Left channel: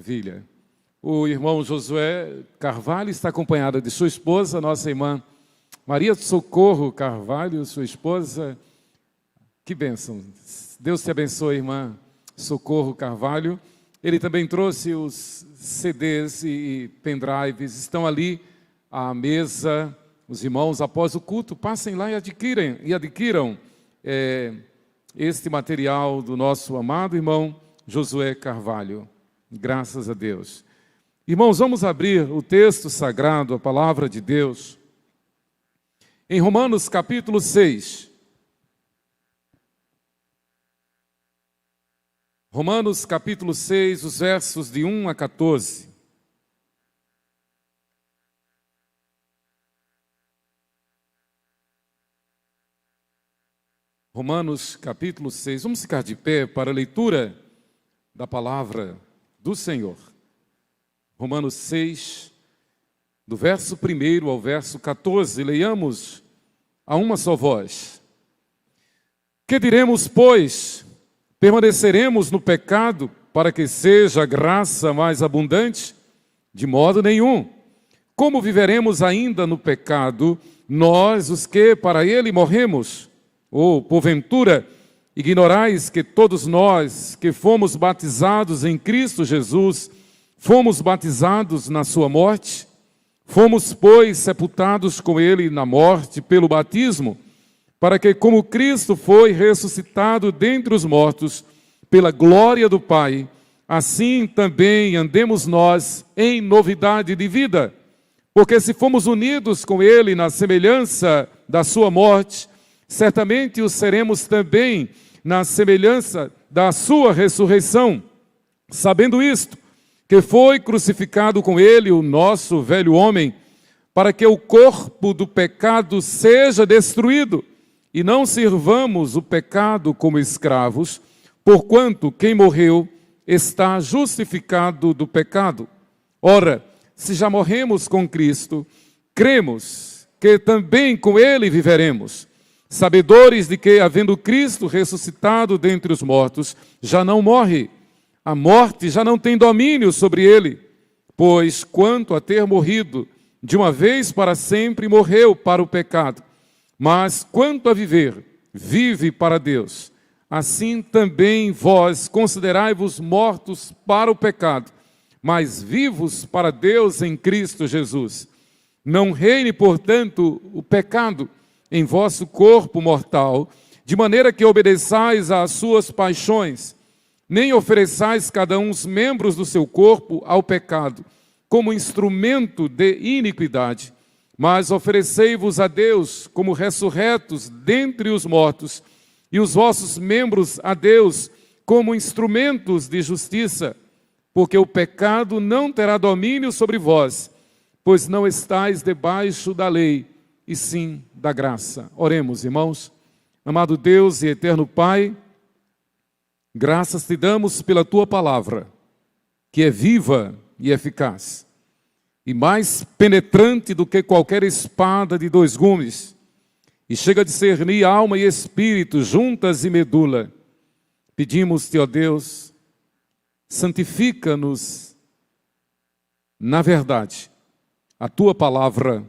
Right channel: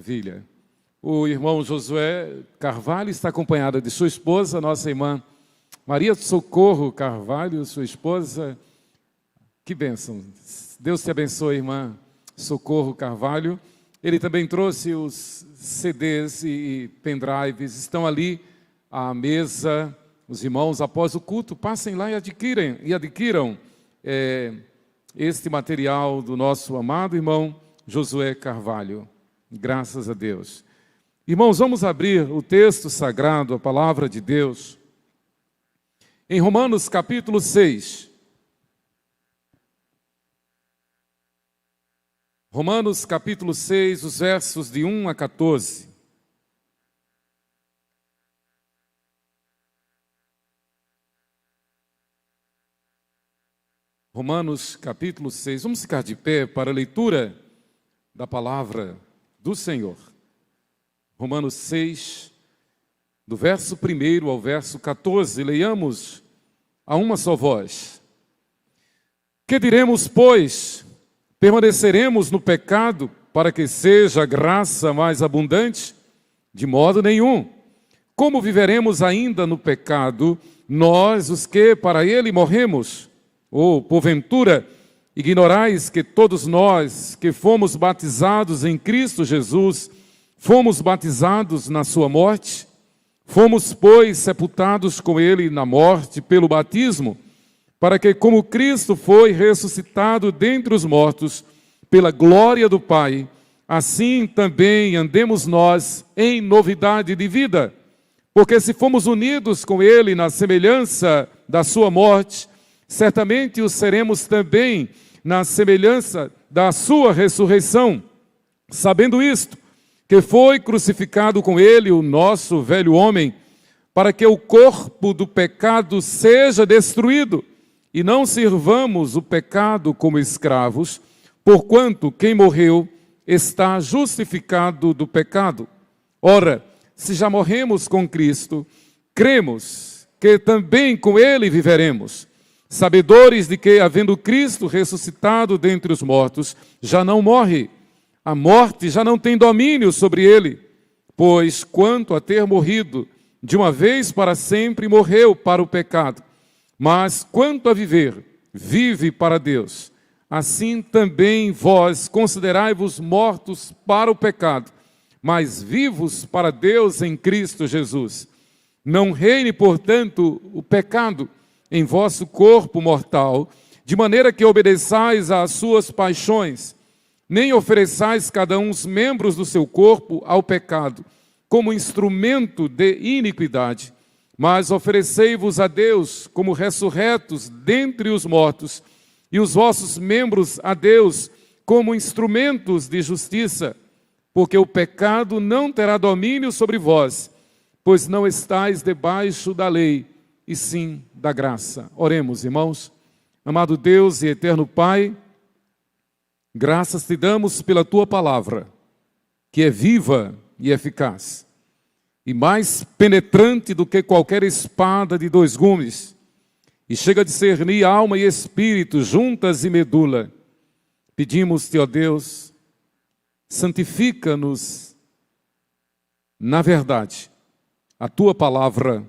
Maravilha. O irmão Josué Carvalho está acompanhado de sua esposa, nossa irmã Maria Socorro Carvalho, sua esposa. Que bênção. Deus te abençoe, irmã Socorro Carvalho. Ele também trouxe os CDs e pendrives. Estão ali à mesa. Os irmãos, após o culto, passem lá e adquiram este material do nosso amado irmão Josué Carvalho. Graças a Deus. Irmãos, vamos abrir o texto sagrado, a palavra de Deus, em Romanos capítulo 6. Romanos capítulo 6, os versos de 1 a 14. Romanos capítulo 6. Vamos ficar de pé para a leitura da palavra do Senhor. Romanos 6, do verso 1 ao verso 14. Leiamos a uma só voz. Que diremos, pois? Permaneceremos no pecado para que seja a graça mais abundante? De modo nenhum. Como viveremos ainda no pecado, nós, os que para ele morremos? Ou, porventura, ignorais que todos nós que fomos batizados em Cristo Jesus, fomos batizados na sua morte? Fomos, pois, sepultados com ele na morte pelo batismo, para que, como Cristo foi ressuscitado dentre os mortos, pela glória do Pai, assim também andemos nós em novidade de vida. Porque se fomos unidos com ele na semelhança da sua morte, certamente o seremos também na semelhança da sua ressurreição, sabendo isto, que foi crucificado com ele o nosso velho homem, para que o corpo do pecado seja destruído, e não sirvamos o pecado como escravos, porquanto quem morreu está justificado do pecado. Ora, se já morremos com Cristo, cremos que também com ele viveremos, sabedores de que, havendo Cristo ressuscitado dentre os mortos, já não morre, a morte já não tem domínio sobre ele, pois quanto a ter morrido, de uma vez para sempre morreu para o pecado, mas quanto a viver, vive para Deus. Assim também vós considerai-vos mortos para o pecado, mas vivos para Deus em Cristo Jesus. Não reine, portanto, o pecado em vosso corpo mortal, de maneira que obedeçais às suas paixões, nem ofereçais cada um os membros do seu corpo ao pecado, como instrumento de iniquidade, mas oferecei-vos a Deus como ressurretos dentre os mortos, e os vossos membros a Deus como instrumentos de justiça, porque o pecado não terá domínio sobre vós, pois não estáis debaixo da lei, e sim da graça. Oremos, irmãos. Amado Deus e eterno Pai, graças te damos pela tua palavra, que é viva e eficaz, e mais penetrante do que qualquer espada de dois gumes, e chega a discernir alma e espírito, juntas e medula. Pedimos-te, ó Deus, santifica-nos na verdade. A tua palavra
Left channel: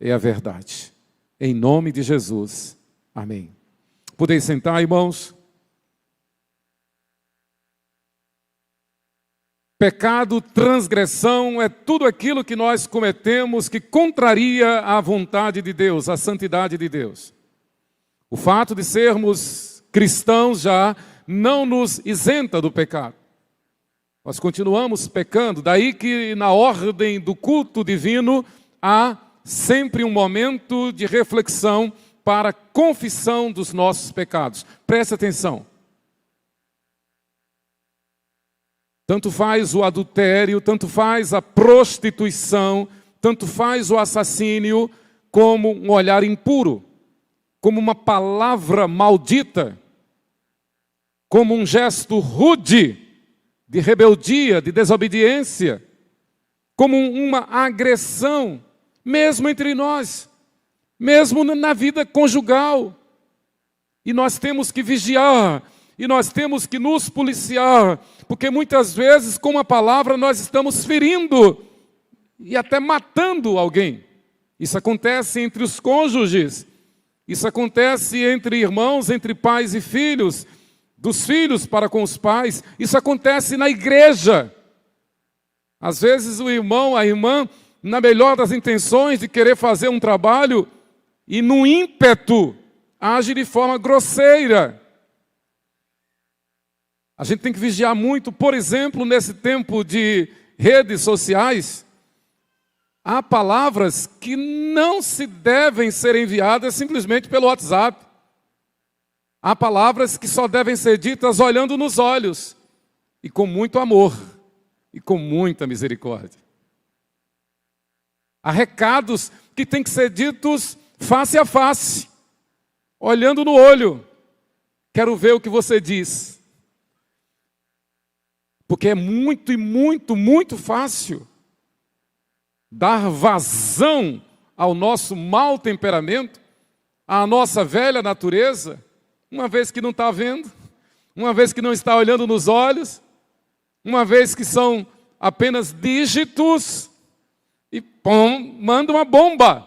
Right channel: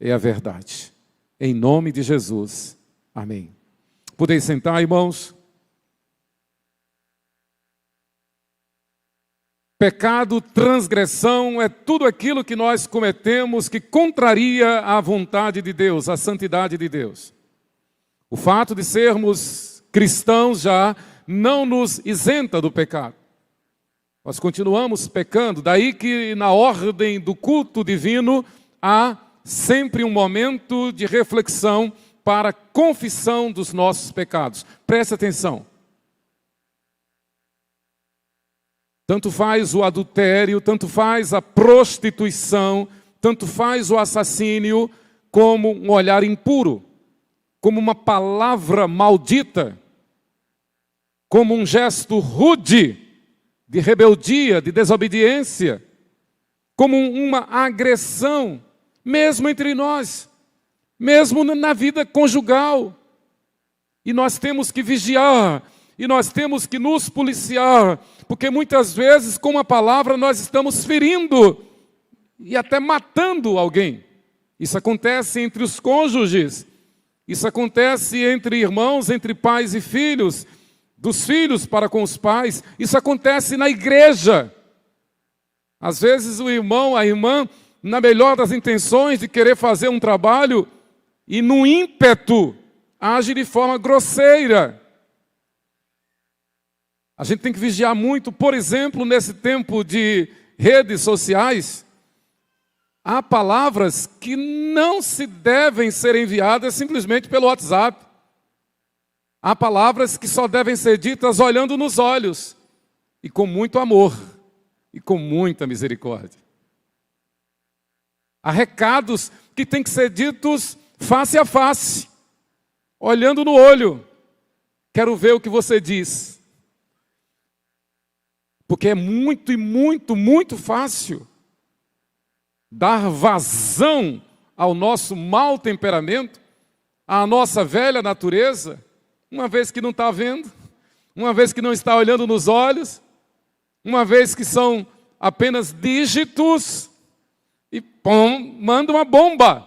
é a verdade. Em nome de Jesus. Amém. Podeis sentar, irmãos. Pecado, transgressão, é tudo aquilo que nós cometemos que contraria a vontade de Deus, a santidade de Deus. O fato de sermos cristãos já não nos isenta do pecado. Nós continuamos pecando, daí que na ordem do culto divino há sempre um momento de reflexão para a confissão dos nossos pecados. Preste atenção. Tanto faz o adultério, tanto faz a prostituição, tanto faz o assassínio, como um olhar impuro, como uma palavra maldita, como um gesto rude, de rebeldia, de desobediência, como uma agressão, mesmo entre nós, mesmo na vida conjugal. E nós temos que vigiar E nós temos que nos policiar, porque muitas vezes com a palavra nós estamos ferindo e até matando alguém. Isso acontece entre os cônjuges, isso acontece entre irmãos, entre pais e filhos, dos filhos para com os pais, isso acontece na igreja. Às vezes o irmão, a irmã, na melhor das intenções de querer fazer um trabalho e no ímpeto age de forma grosseira. A gente tem que vigiar muito, por exemplo, nesse tempo de redes sociais, há palavras que não se devem ser enviadas simplesmente pelo WhatsApp. Há palavras que só devem ser ditas olhando nos olhos e com muito amor e com muita misericórdia. Há recados que têm que ser ditos face a face, olhando no olho. Quero ver o que você diz. Porque é muito e muito, muito fácil dar vazão ao nosso mau temperamento, à nossa velha natureza, uma vez que não está vendo, uma vez que não está olhando nos olhos, uma vez que são apenas dígitos, e pum, manda uma bomba,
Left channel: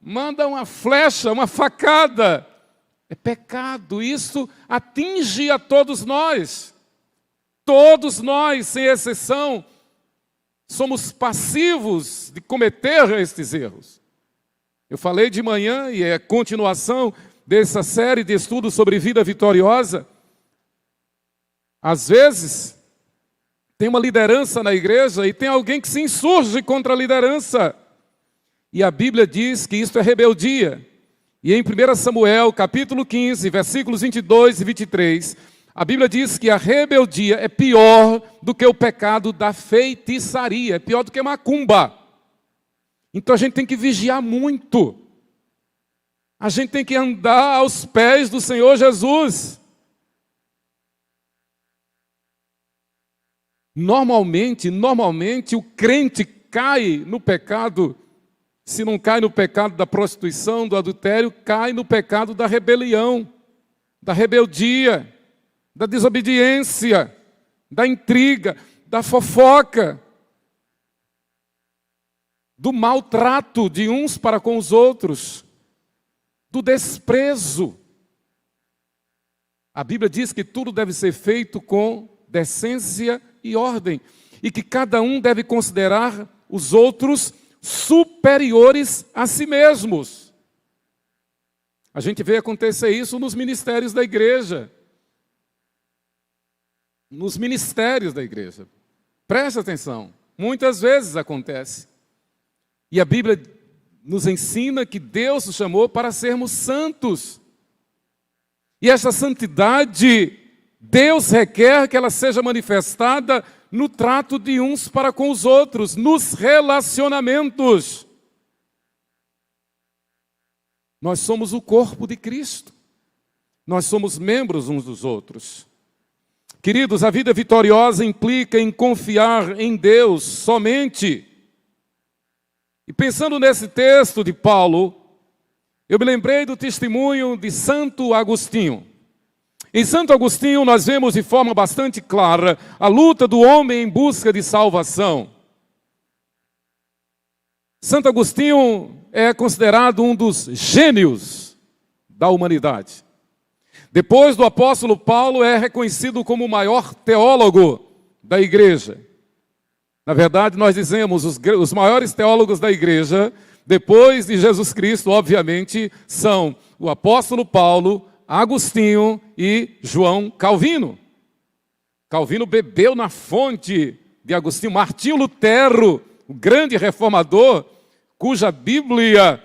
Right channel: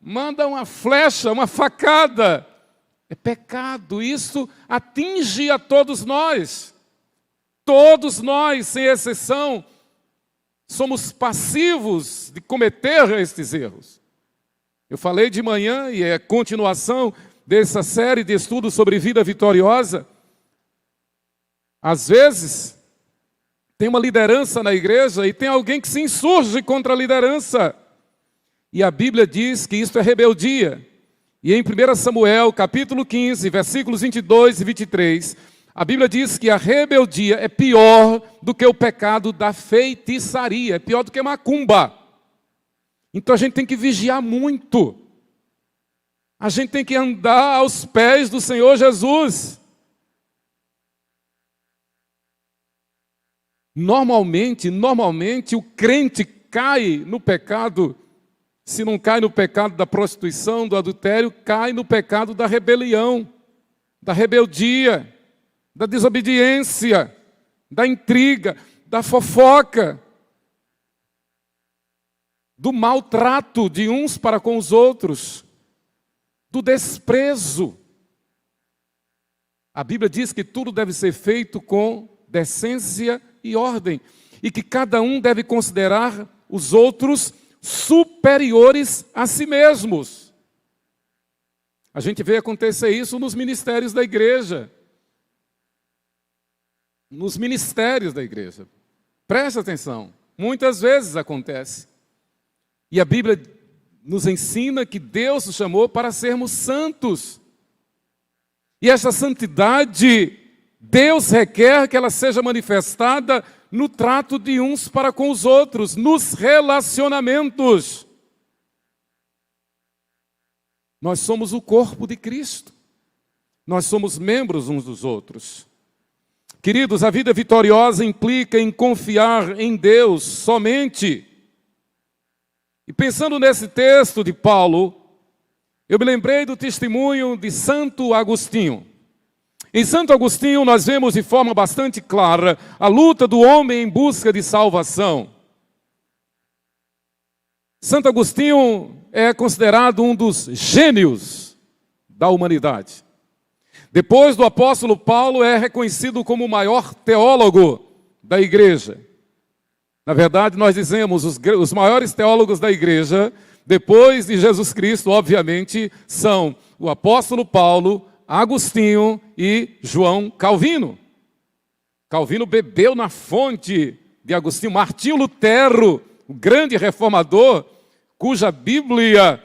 manda uma flecha, uma facada. É pecado, isso atinge a todos nós. Todos nós, sem exceção, somos passivos de cometer estes erros. Eu falei de manhã, e é continuação dessa série de estudos sobre vida vitoriosa. Às vezes, tem uma liderança na igreja e tem alguém que se insurge contra a liderança. E a Bíblia diz que isso é rebeldia. E em 1 Samuel, capítulo 15, versículos 22 e 23, a Bíblia diz que a rebeldia é pior do que o pecado da feitiçaria, é pior do que macumba. Então a gente tem que vigiar muito. A gente tem que andar aos pés do Senhor Jesus. Normalmente o crente cai no pecado, se não cai no pecado da prostituição, do adultério, cai no pecado da rebelião, da rebeldia, da desobediência, da intriga, da fofoca, do maltrato de uns para com os outros, do desprezo. A Bíblia diz que tudo deve ser feito com decência e ordem, e que cada um deve considerar os outros superiores a si mesmos. A gente vê acontecer isso nos ministérios da igreja. Nos ministérios da igreja. Preste atenção, muitas vezes acontece. E a Bíblia nos ensina que Deus nos chamou para sermos santos. E essa santidade, Deus requer que ela seja manifestada no trato de uns para com os outros, nos relacionamentos. Nós somos o corpo de Cristo. Nós somos membros uns dos outros. Queridos, a vida vitoriosa implica em confiar em Deus somente. E pensando nesse texto de Paulo, eu me lembrei do testemunho de Santo Agostinho. Em Santo Agostinho nós vemos de forma bastante clara a luta do homem em busca de salvação. Santo Agostinho é considerado um dos gênios da humanidade. Depois do apóstolo Paulo, é reconhecido como o maior teólogo da igreja. Na verdade, nós dizemos, os maiores teólogos da igreja, depois de Jesus Cristo, obviamente, são o apóstolo Paulo, Agostinho e João Calvino. Calvino bebeu na fonte de Agostinho. Martinho Lutero, o grande reformador, cuja Bíblia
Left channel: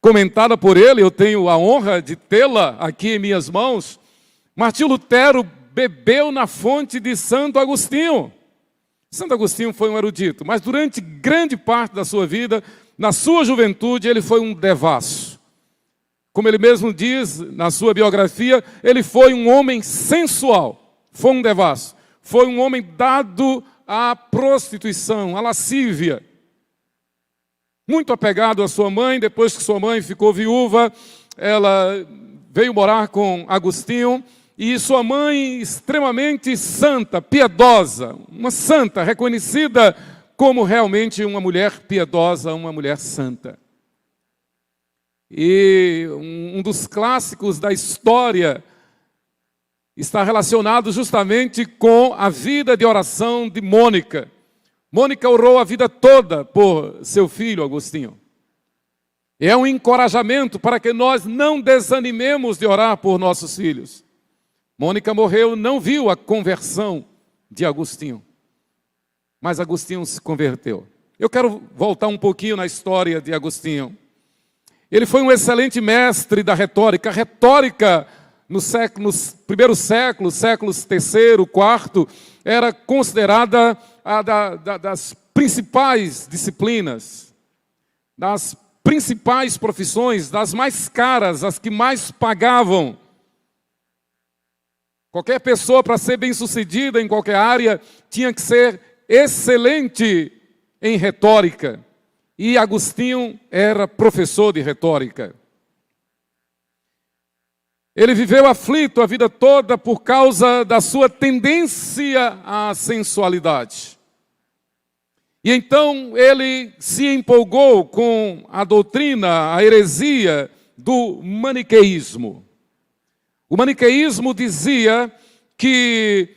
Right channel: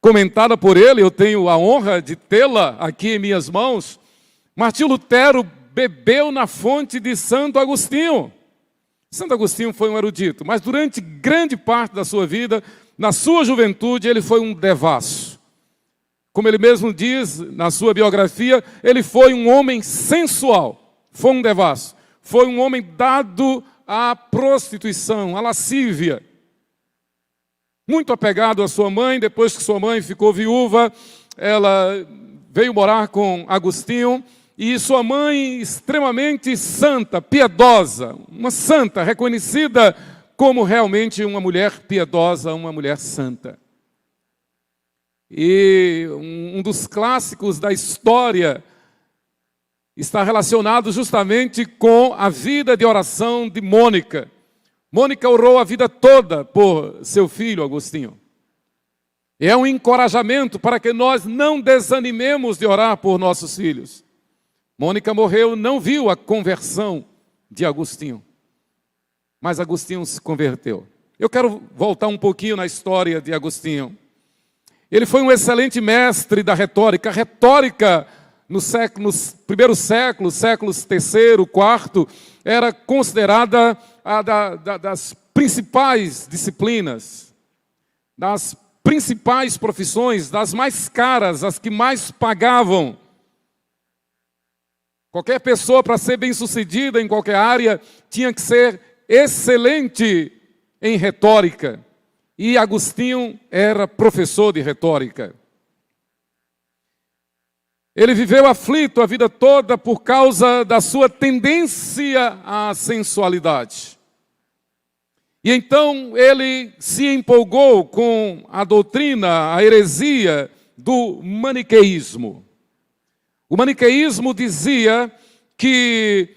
comentada por ele, eu tenho a honra de tê-la aqui em minhas mãos. Martinho Lutero bebeu na fonte de Santo Agostinho. Santo Agostinho foi um erudito, mas durante grande parte da sua vida, na sua juventude, ele foi um devasso. Como ele mesmo diz na sua biografia, ele foi um homem sensual, foi um devasso, foi um homem dado à prostituição, à lascívia. Muito apegado à sua mãe. Depois que sua mãe ficou viúva, ela veio morar com Agostinho, e sua mãe extremamente santa, piedosa, uma santa, reconhecida como realmente uma mulher piedosa, uma mulher santa. E um dos clássicos da história está relacionado justamente com a vida de oração de Mônica. Mônica orou a vida toda por seu filho Agostinho. É um encorajamento para que nós não desanimemos de orar por nossos filhos. Mônica morreu, não viu a conversão de Agostinho, mas Agostinho se converteu. Eu quero voltar um pouquinho na história de Agostinho. Ele foi um excelente mestre da retórica. A retórica nos primeiros séculos, séculos terceiro, quarto, era considerada das principais disciplinas, das principais profissões, das mais caras, as que mais pagavam. Qualquer pessoa, para ser bem-sucedida em qualquer área, tinha que ser excelente em retórica. E Agostinho era professor de retórica. Ele viveu aflito a vida toda por causa da sua tendência à sensualidade. E então ele se empolgou com a doutrina, a heresia do maniqueísmo. O maniqueísmo dizia que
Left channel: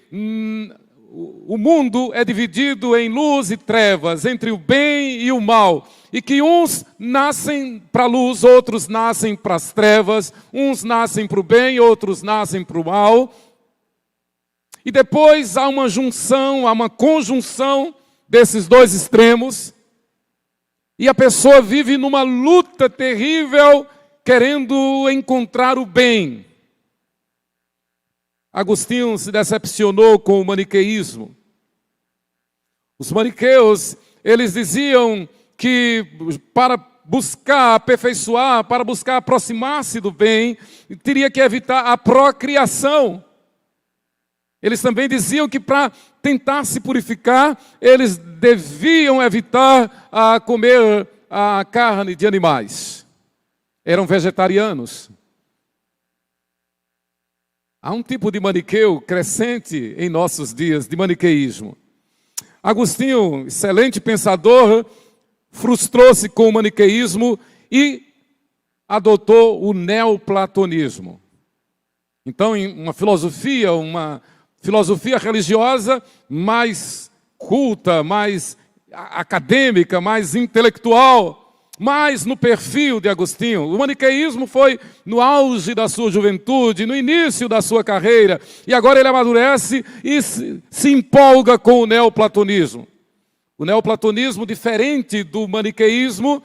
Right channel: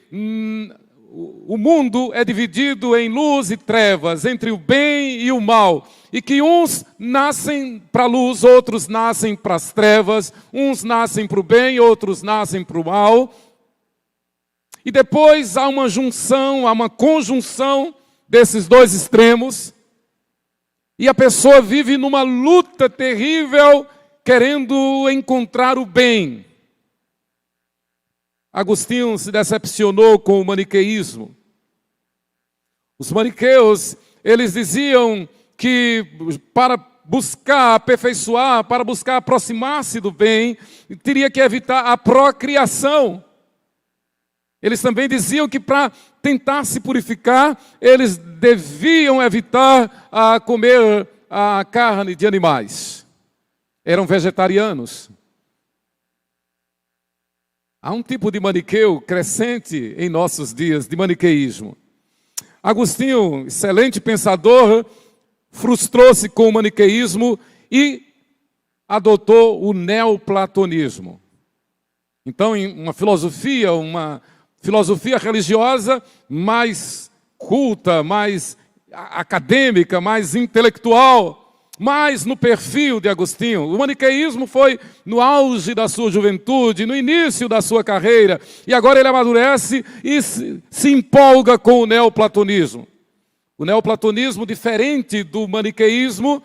o mundo é dividido em luz e trevas, entre o bem e o mal, e que uns nascem para a luz, outros nascem para as trevas, uns nascem para o bem, outros nascem para o mal. E depois há uma junção, há uma conjunção desses dois extremos, e a pessoa vive numa luta terrível, querendo encontrar o bem. Agostinho se decepcionou com o maniqueísmo. Os maniqueus, eles diziam que para buscar aperfeiçoar, para buscar aproximar-se do bem, teria que evitar a procriação. Eles também diziam que para tentar se purificar, eles deviam evitar comer a carne de animais. Eram vegetarianos. Há um tipo de maniqueu crescente em nossos dias, de maniqueísmo. Agostinho, excelente pensador, frustrou-se com o maniqueísmo e adotou o neoplatonismo. Então, uma filosofia religiosa mais culta, mais acadêmica, mais intelectual, mais no perfil de Agostinho. O maniqueísmo foi no auge da sua juventude, no início da sua carreira, e agora ele amadurece e se empolga com o neoplatonismo. O neoplatonismo, diferente do maniqueísmo,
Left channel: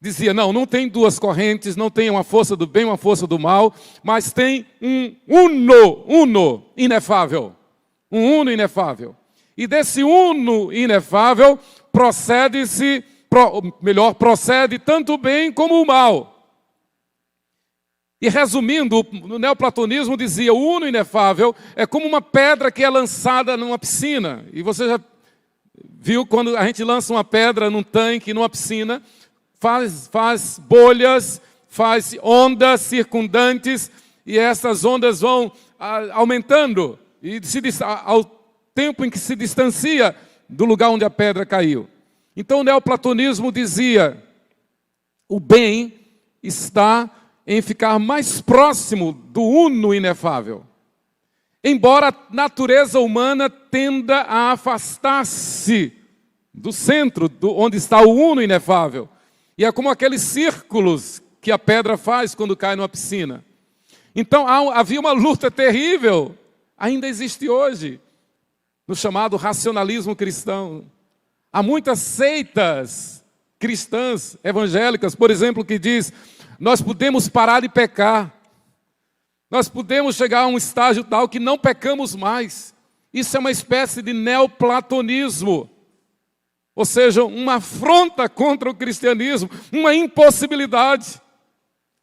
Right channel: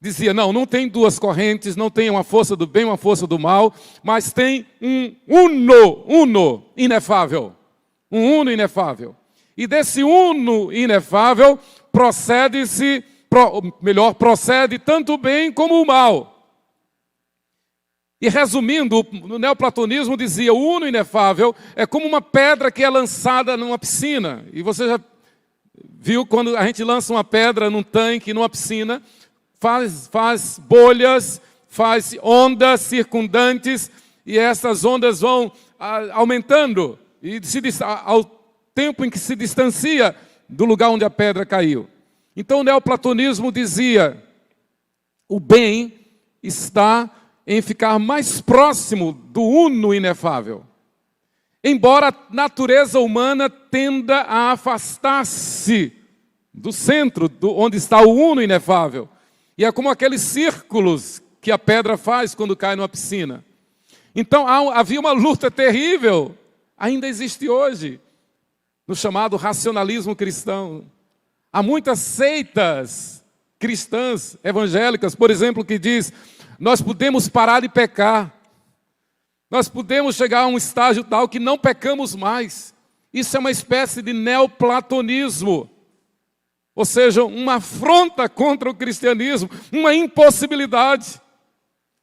dizia, não tem duas correntes, não tem uma força do bem, uma força do mal, mas tem um uno inefável. Um uno inefável. E desse uno inefável procede tanto o bem como o mal. E resumindo, o neoplatonismo dizia, o uno inefável é como uma pedra que é lançada numa piscina. E você já viu quando a gente lança uma pedra num tanque, numa piscina, faz bolhas, faz ondas circundantes, e essas ondas vão aumentando, e ao tempo em que se distancia do lugar onde a pedra caiu. Então o neoplatonismo dizia, o bem está em ficar mais próximo do uno inefável. Embora a natureza humana tenda a afastar-se do centro, onde está o uno inefável. E é como aqueles círculos que a pedra faz quando cai numa piscina. Então havia uma luta terrível, ainda existe hoje, no chamado racionalismo cristão. Há muitas seitas cristãs, evangélicas, por exemplo, que diz, nós podemos parar de pecar. Nós podemos chegar a um estágio tal que não pecamos mais. Isso é uma espécie de neoplatonismo. Ou seja, uma afronta contra o cristianismo, uma impossibilidade.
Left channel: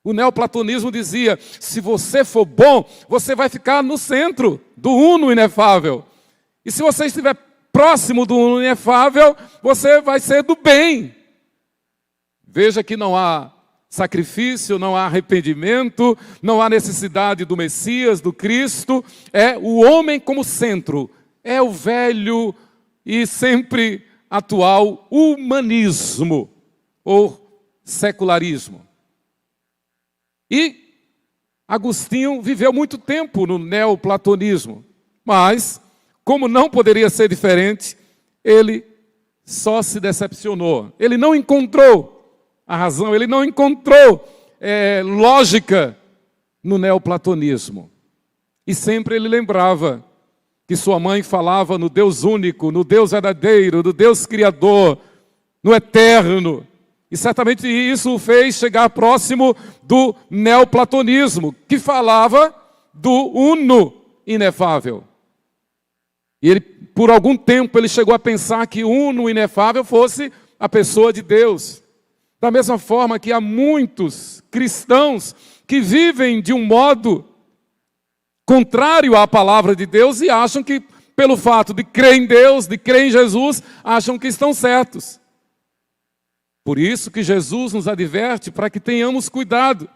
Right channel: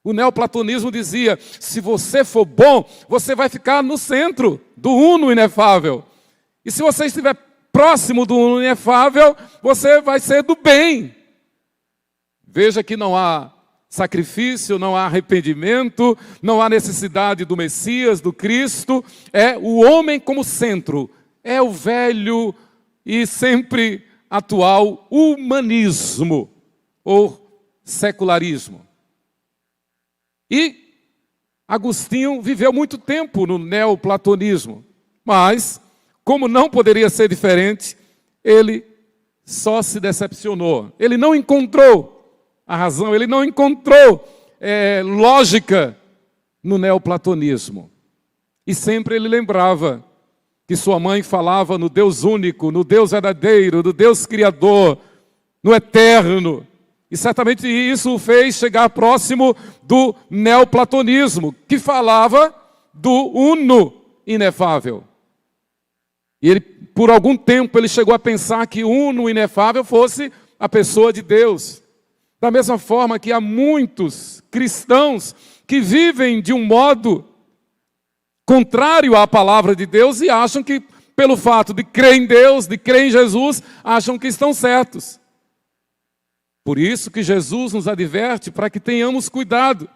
O neoplatonismo dizia, se você for bom, você vai ficar no centro do uno inefável. E se você estiver próximo do uno inefável, você vai ser do bem. Veja que não há sacrifício, não há arrependimento, não há necessidade do Messias, do Cristo. É o homem como centro, é o velho e sempre atual humanismo ou secularismo. E Agostinho viveu muito tempo no neoplatonismo, mas, como não poderia ser diferente, ele só se decepcionou. Ele não encontrou a razão, ele não encontrou lógica no neoplatonismo. E sempre ele lembrava que sua mãe falava no Deus único, no Deus verdadeiro, no Deus criador, no eterno. E certamente isso o fez chegar próximo do neoplatonismo, que falava do uno inefável. E ele, por algum tempo, ele chegou a pensar que o uno inefável fosse a pessoa de Deus. Da mesma forma que há muitos cristãos que vivem de um modo contrário à palavra de Deus e acham que, pelo fato de crer em Deus, de crer em Jesus, acham que estão certos. Por isso que Jesus nos adverte para que tenhamos cuidado,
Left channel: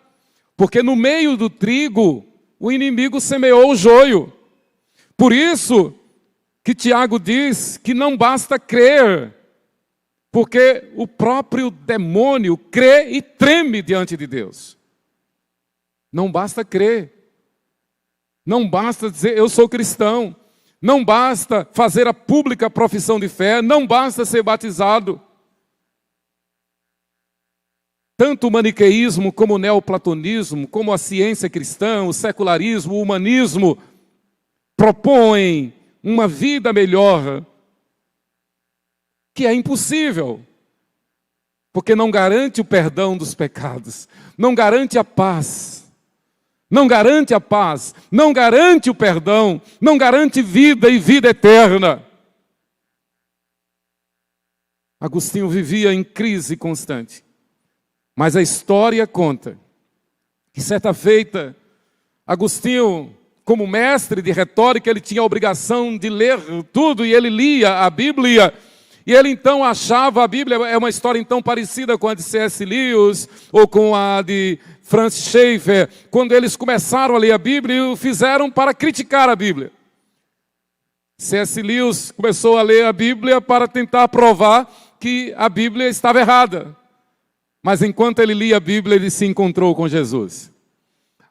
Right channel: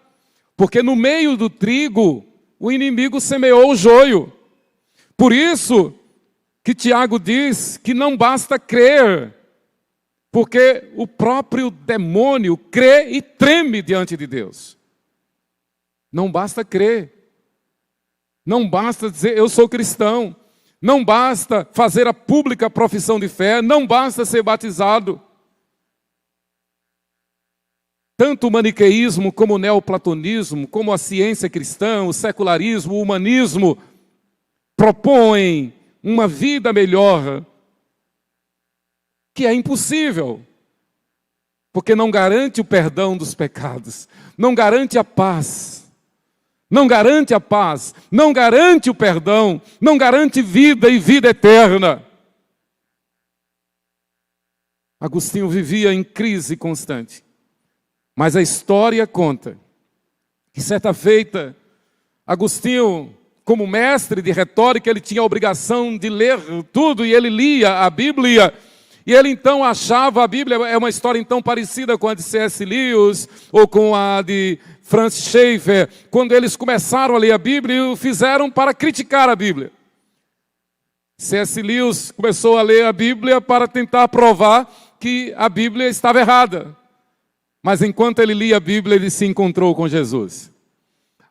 porque no meio do trigo o inimigo semeou o joio. Por isso que Tiago diz que não basta crer, porque o próprio demônio crê e treme diante de Deus. Não basta crer, não basta dizer eu sou cristão, não basta fazer a pública profissão de fé, não basta ser batizado. Tanto o maniqueísmo como o neoplatonismo, como a ciência cristã, o secularismo, o humanismo, propõem uma vida melhor, que é impossível, porque não garante o perdão dos pecados, não garante a paz, não garante a paz, não garante o perdão, não garante vida e vida eterna. Agostinho vivia em crise constante. Mas a história conta que certa feita, Agostinho, como mestre de retórica, ele tinha a obrigação de ler tudo e ele lia a Bíblia. E ele então achava a Bíblia, é uma história então parecida com a de C.S. Lewis ou com a de Francis Schaeffer, quando eles começaram a ler a Bíblia e o fizeram para criticar a Bíblia. C.S. Lewis começou a ler a Bíblia para tentar provar que a Bíblia estava errada. Mas enquanto ele lia a Bíblia, ele se encontrou com Jesus.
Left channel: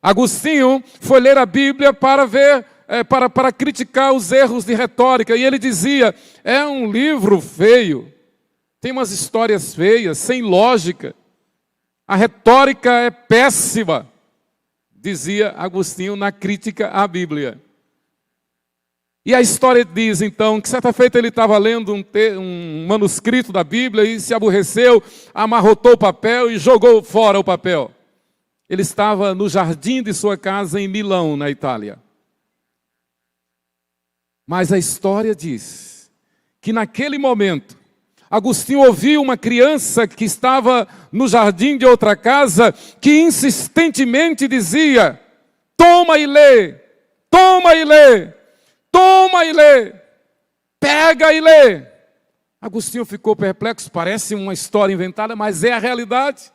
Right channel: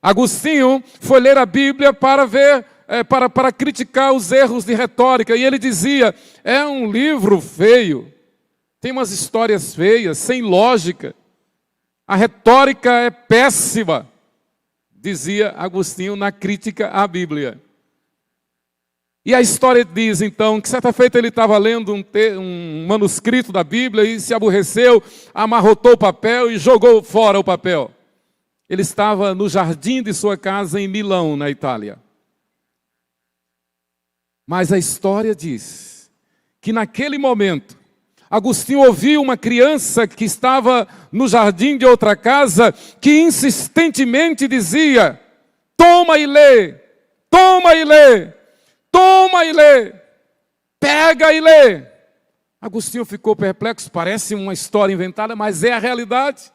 Agostinho foi ler a Bíblia para ver, para criticar os erros de retórica. E ele dizia, é um livro feio, tem umas histórias feias, sem lógica. A retórica é péssima, dizia Agostinho na crítica à Bíblia. E a história diz, então, que certa feita ele estava lendo um manuscrito da Bíblia e se aborreceu, amarrotou o papel e jogou fora o papel. Ele estava no jardim de sua casa em Milão, na Itália. Mas a história diz que naquele momento, Agostinho ouviu uma criança que estava no jardim de outra casa, que insistentemente dizia, toma e lê, toma e lê. Toma e lê, pega e lê. Agostinho ficou perplexo, parece uma história inventada, mas é a realidade.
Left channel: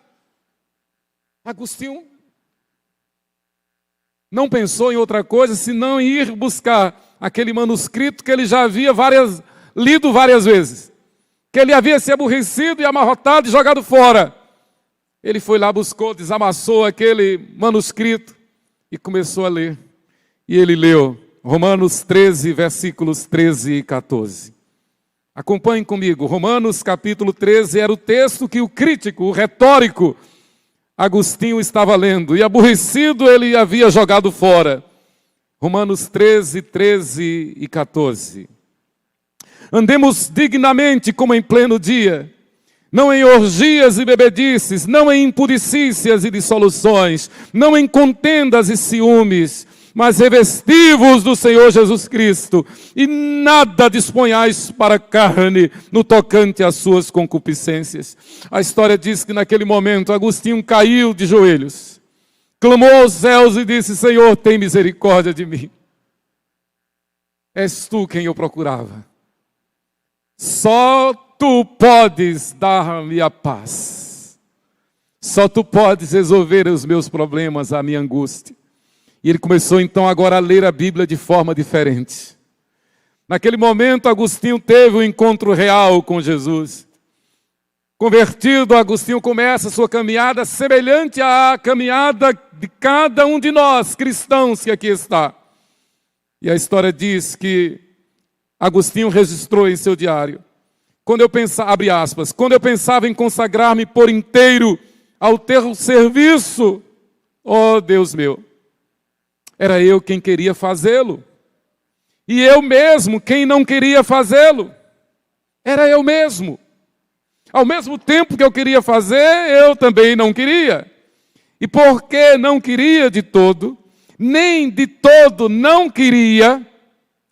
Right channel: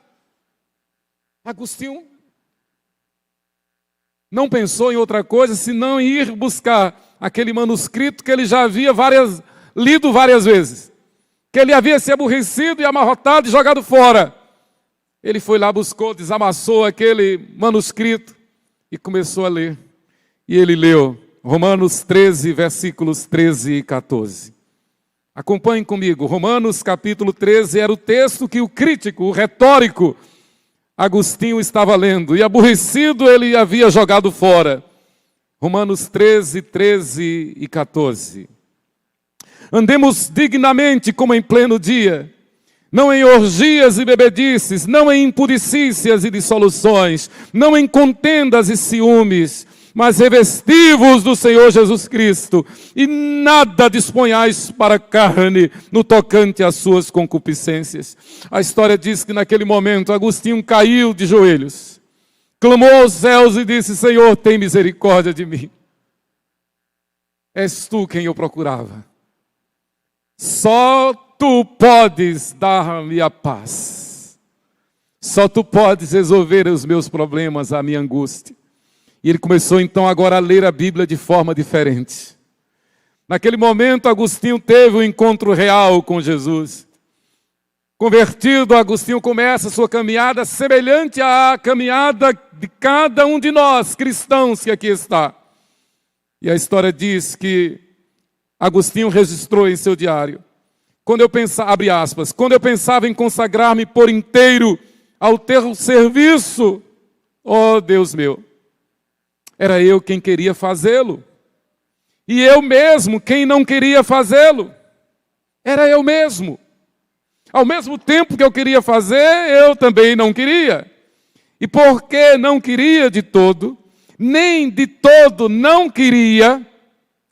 Agostinho não pensou em outra coisa, senão em ir buscar aquele manuscrito que ele já havia lido várias vezes, que ele havia se aborrecido e amarrotado e jogado fora. Ele foi lá, buscou, desamassou aquele manuscrito e começou a ler. E ele leu Romanos 13, versículos 13 e 14. Acompanhem comigo. Romanos capítulo 13 era o texto que o crítico, o retórico, Agostinho estava lendo. E aborrecido ele havia jogado fora. Romanos 13, 13 e 14. Andemos dignamente como em pleno dia, não em orgias e bebedices, não em impudicícias e dissoluções, não em contendas e ciúmes, mas revesti-vos do Senhor Jesus Cristo, e nada disponhais para a carne no tocante às suas concupiscências. A história diz que naquele momento Agostinho caiu de joelhos, clamou aos céus e disse, Senhor, tem misericórdia de mim. És tu quem eu procurava. Só tu podes dar-me a paz. Só tu podes resolver os meus problemas, a minha angústia. E ele começou então agora a ler a Bíblia de forma diferente. Naquele momento, Agostinho teve um encontro real com Jesus. Convertido, Agostinho começa a sua caminhada semelhante à caminhada de cada um de nós, cristãos que aqui está. E a história diz que Agostinho registrou em seu diário: quando eu pensava, abre aspas, quando eu pensava em consagrar-me por inteiro ao teu serviço, ó Deus meu, era eu quem queria fazê-lo. E eu mesmo quem não queria fazê-lo. Era eu mesmo. Ao mesmo tempo que eu queria fazer, eu também não queria. E porque não queria de todo, nem de todo não queria,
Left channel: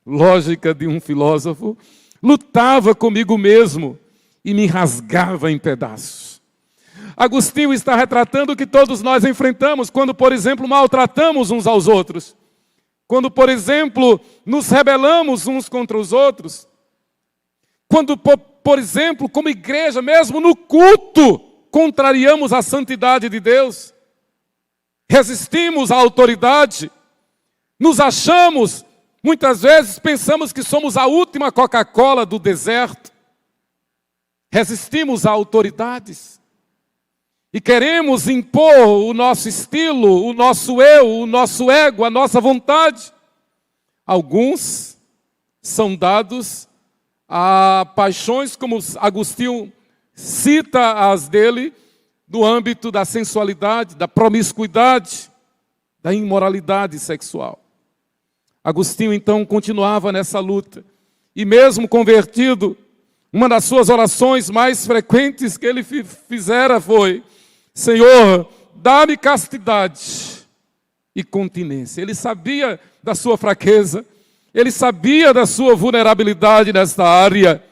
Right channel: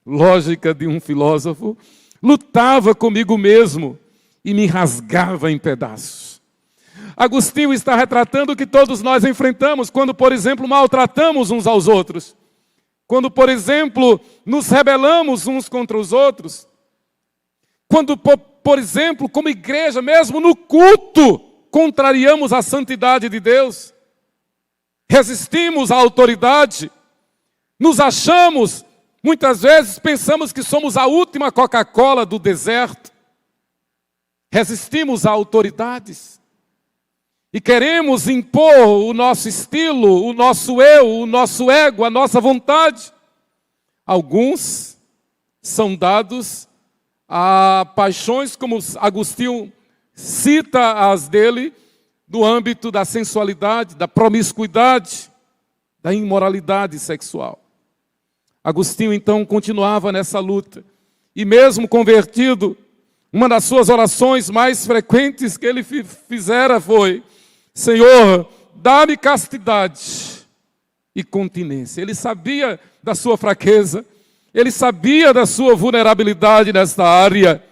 lógica de um filósofo, lutava comigo mesmo e me rasgava em pedaços. Agostinho está retratando o que todos nós enfrentamos quando, por exemplo, maltratamos uns aos outros. Quando, por exemplo, nos rebelamos uns contra os outros. Quando, por exemplo, como igreja, mesmo no culto, contrariamos a santidade de Deus. Resistimos à autoridade. Nos achamos, muitas vezes pensamos que somos a última Coca-Cola do deserto. Resistimos a autoridades. E queremos impor o nosso estilo, o nosso eu, o nosso ego, a nossa vontade. Alguns são dados a paixões, como Agostinho cita as dele, do âmbito da sensualidade, da promiscuidade, da imoralidade sexual. Agostinho então continuava nessa luta. E mesmo convertido, uma das suas orações mais frequentes que ele fizera foi: Senhor, dá-me castidade e continência. Ele sabia da sua fraqueza, ele sabia da sua vulnerabilidade nesta área.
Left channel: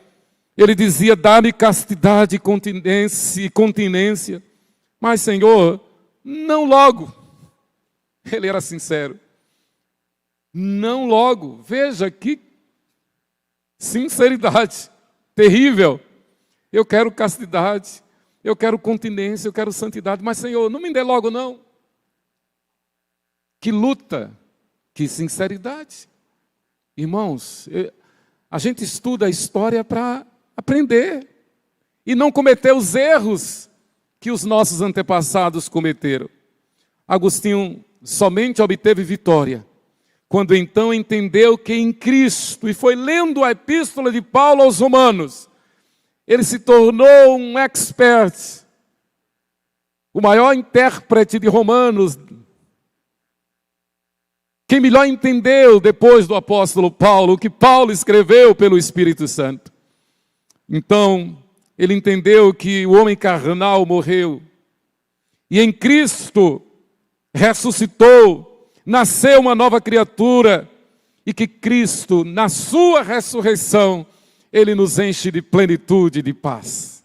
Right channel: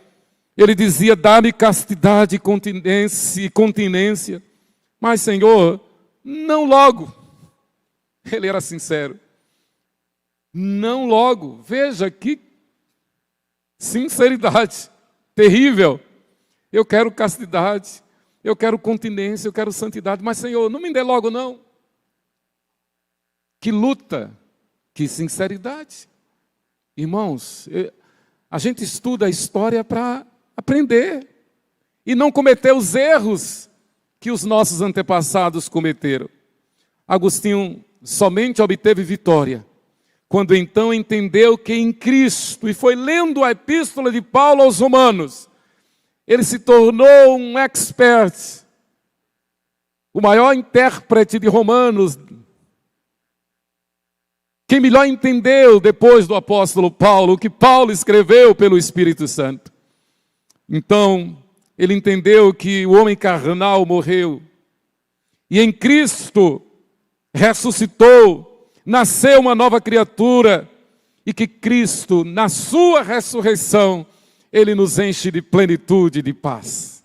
Ele dizia: dá-me castidade e continência. Mas, Senhor, não logo. Ele era sincero. Não logo. Veja que sinceridade terrível. Eu quero castidade. Eu quero continência, eu quero santidade, mas Senhor, não me dê logo não. Que luta, que sinceridade. Irmãos, a gente estuda a história para aprender e não cometer os erros que os nossos antepassados cometeram. Agostinho somente obteve vitória quando então entendeu que em Cristo, e foi lendo a epístola de Paulo aos Romanos, ele se tornou um expert, o maior intérprete de Romanos, quem melhor entendeu depois do apóstolo Paulo, o que Paulo escreveu pelo Espírito Santo. Então, ele entendeu que o homem carnal morreu, e em Cristo ressuscitou, nasceu uma nova criatura, e que Cristo, na sua ressurreição, Ele nos enche de plenitude de paz.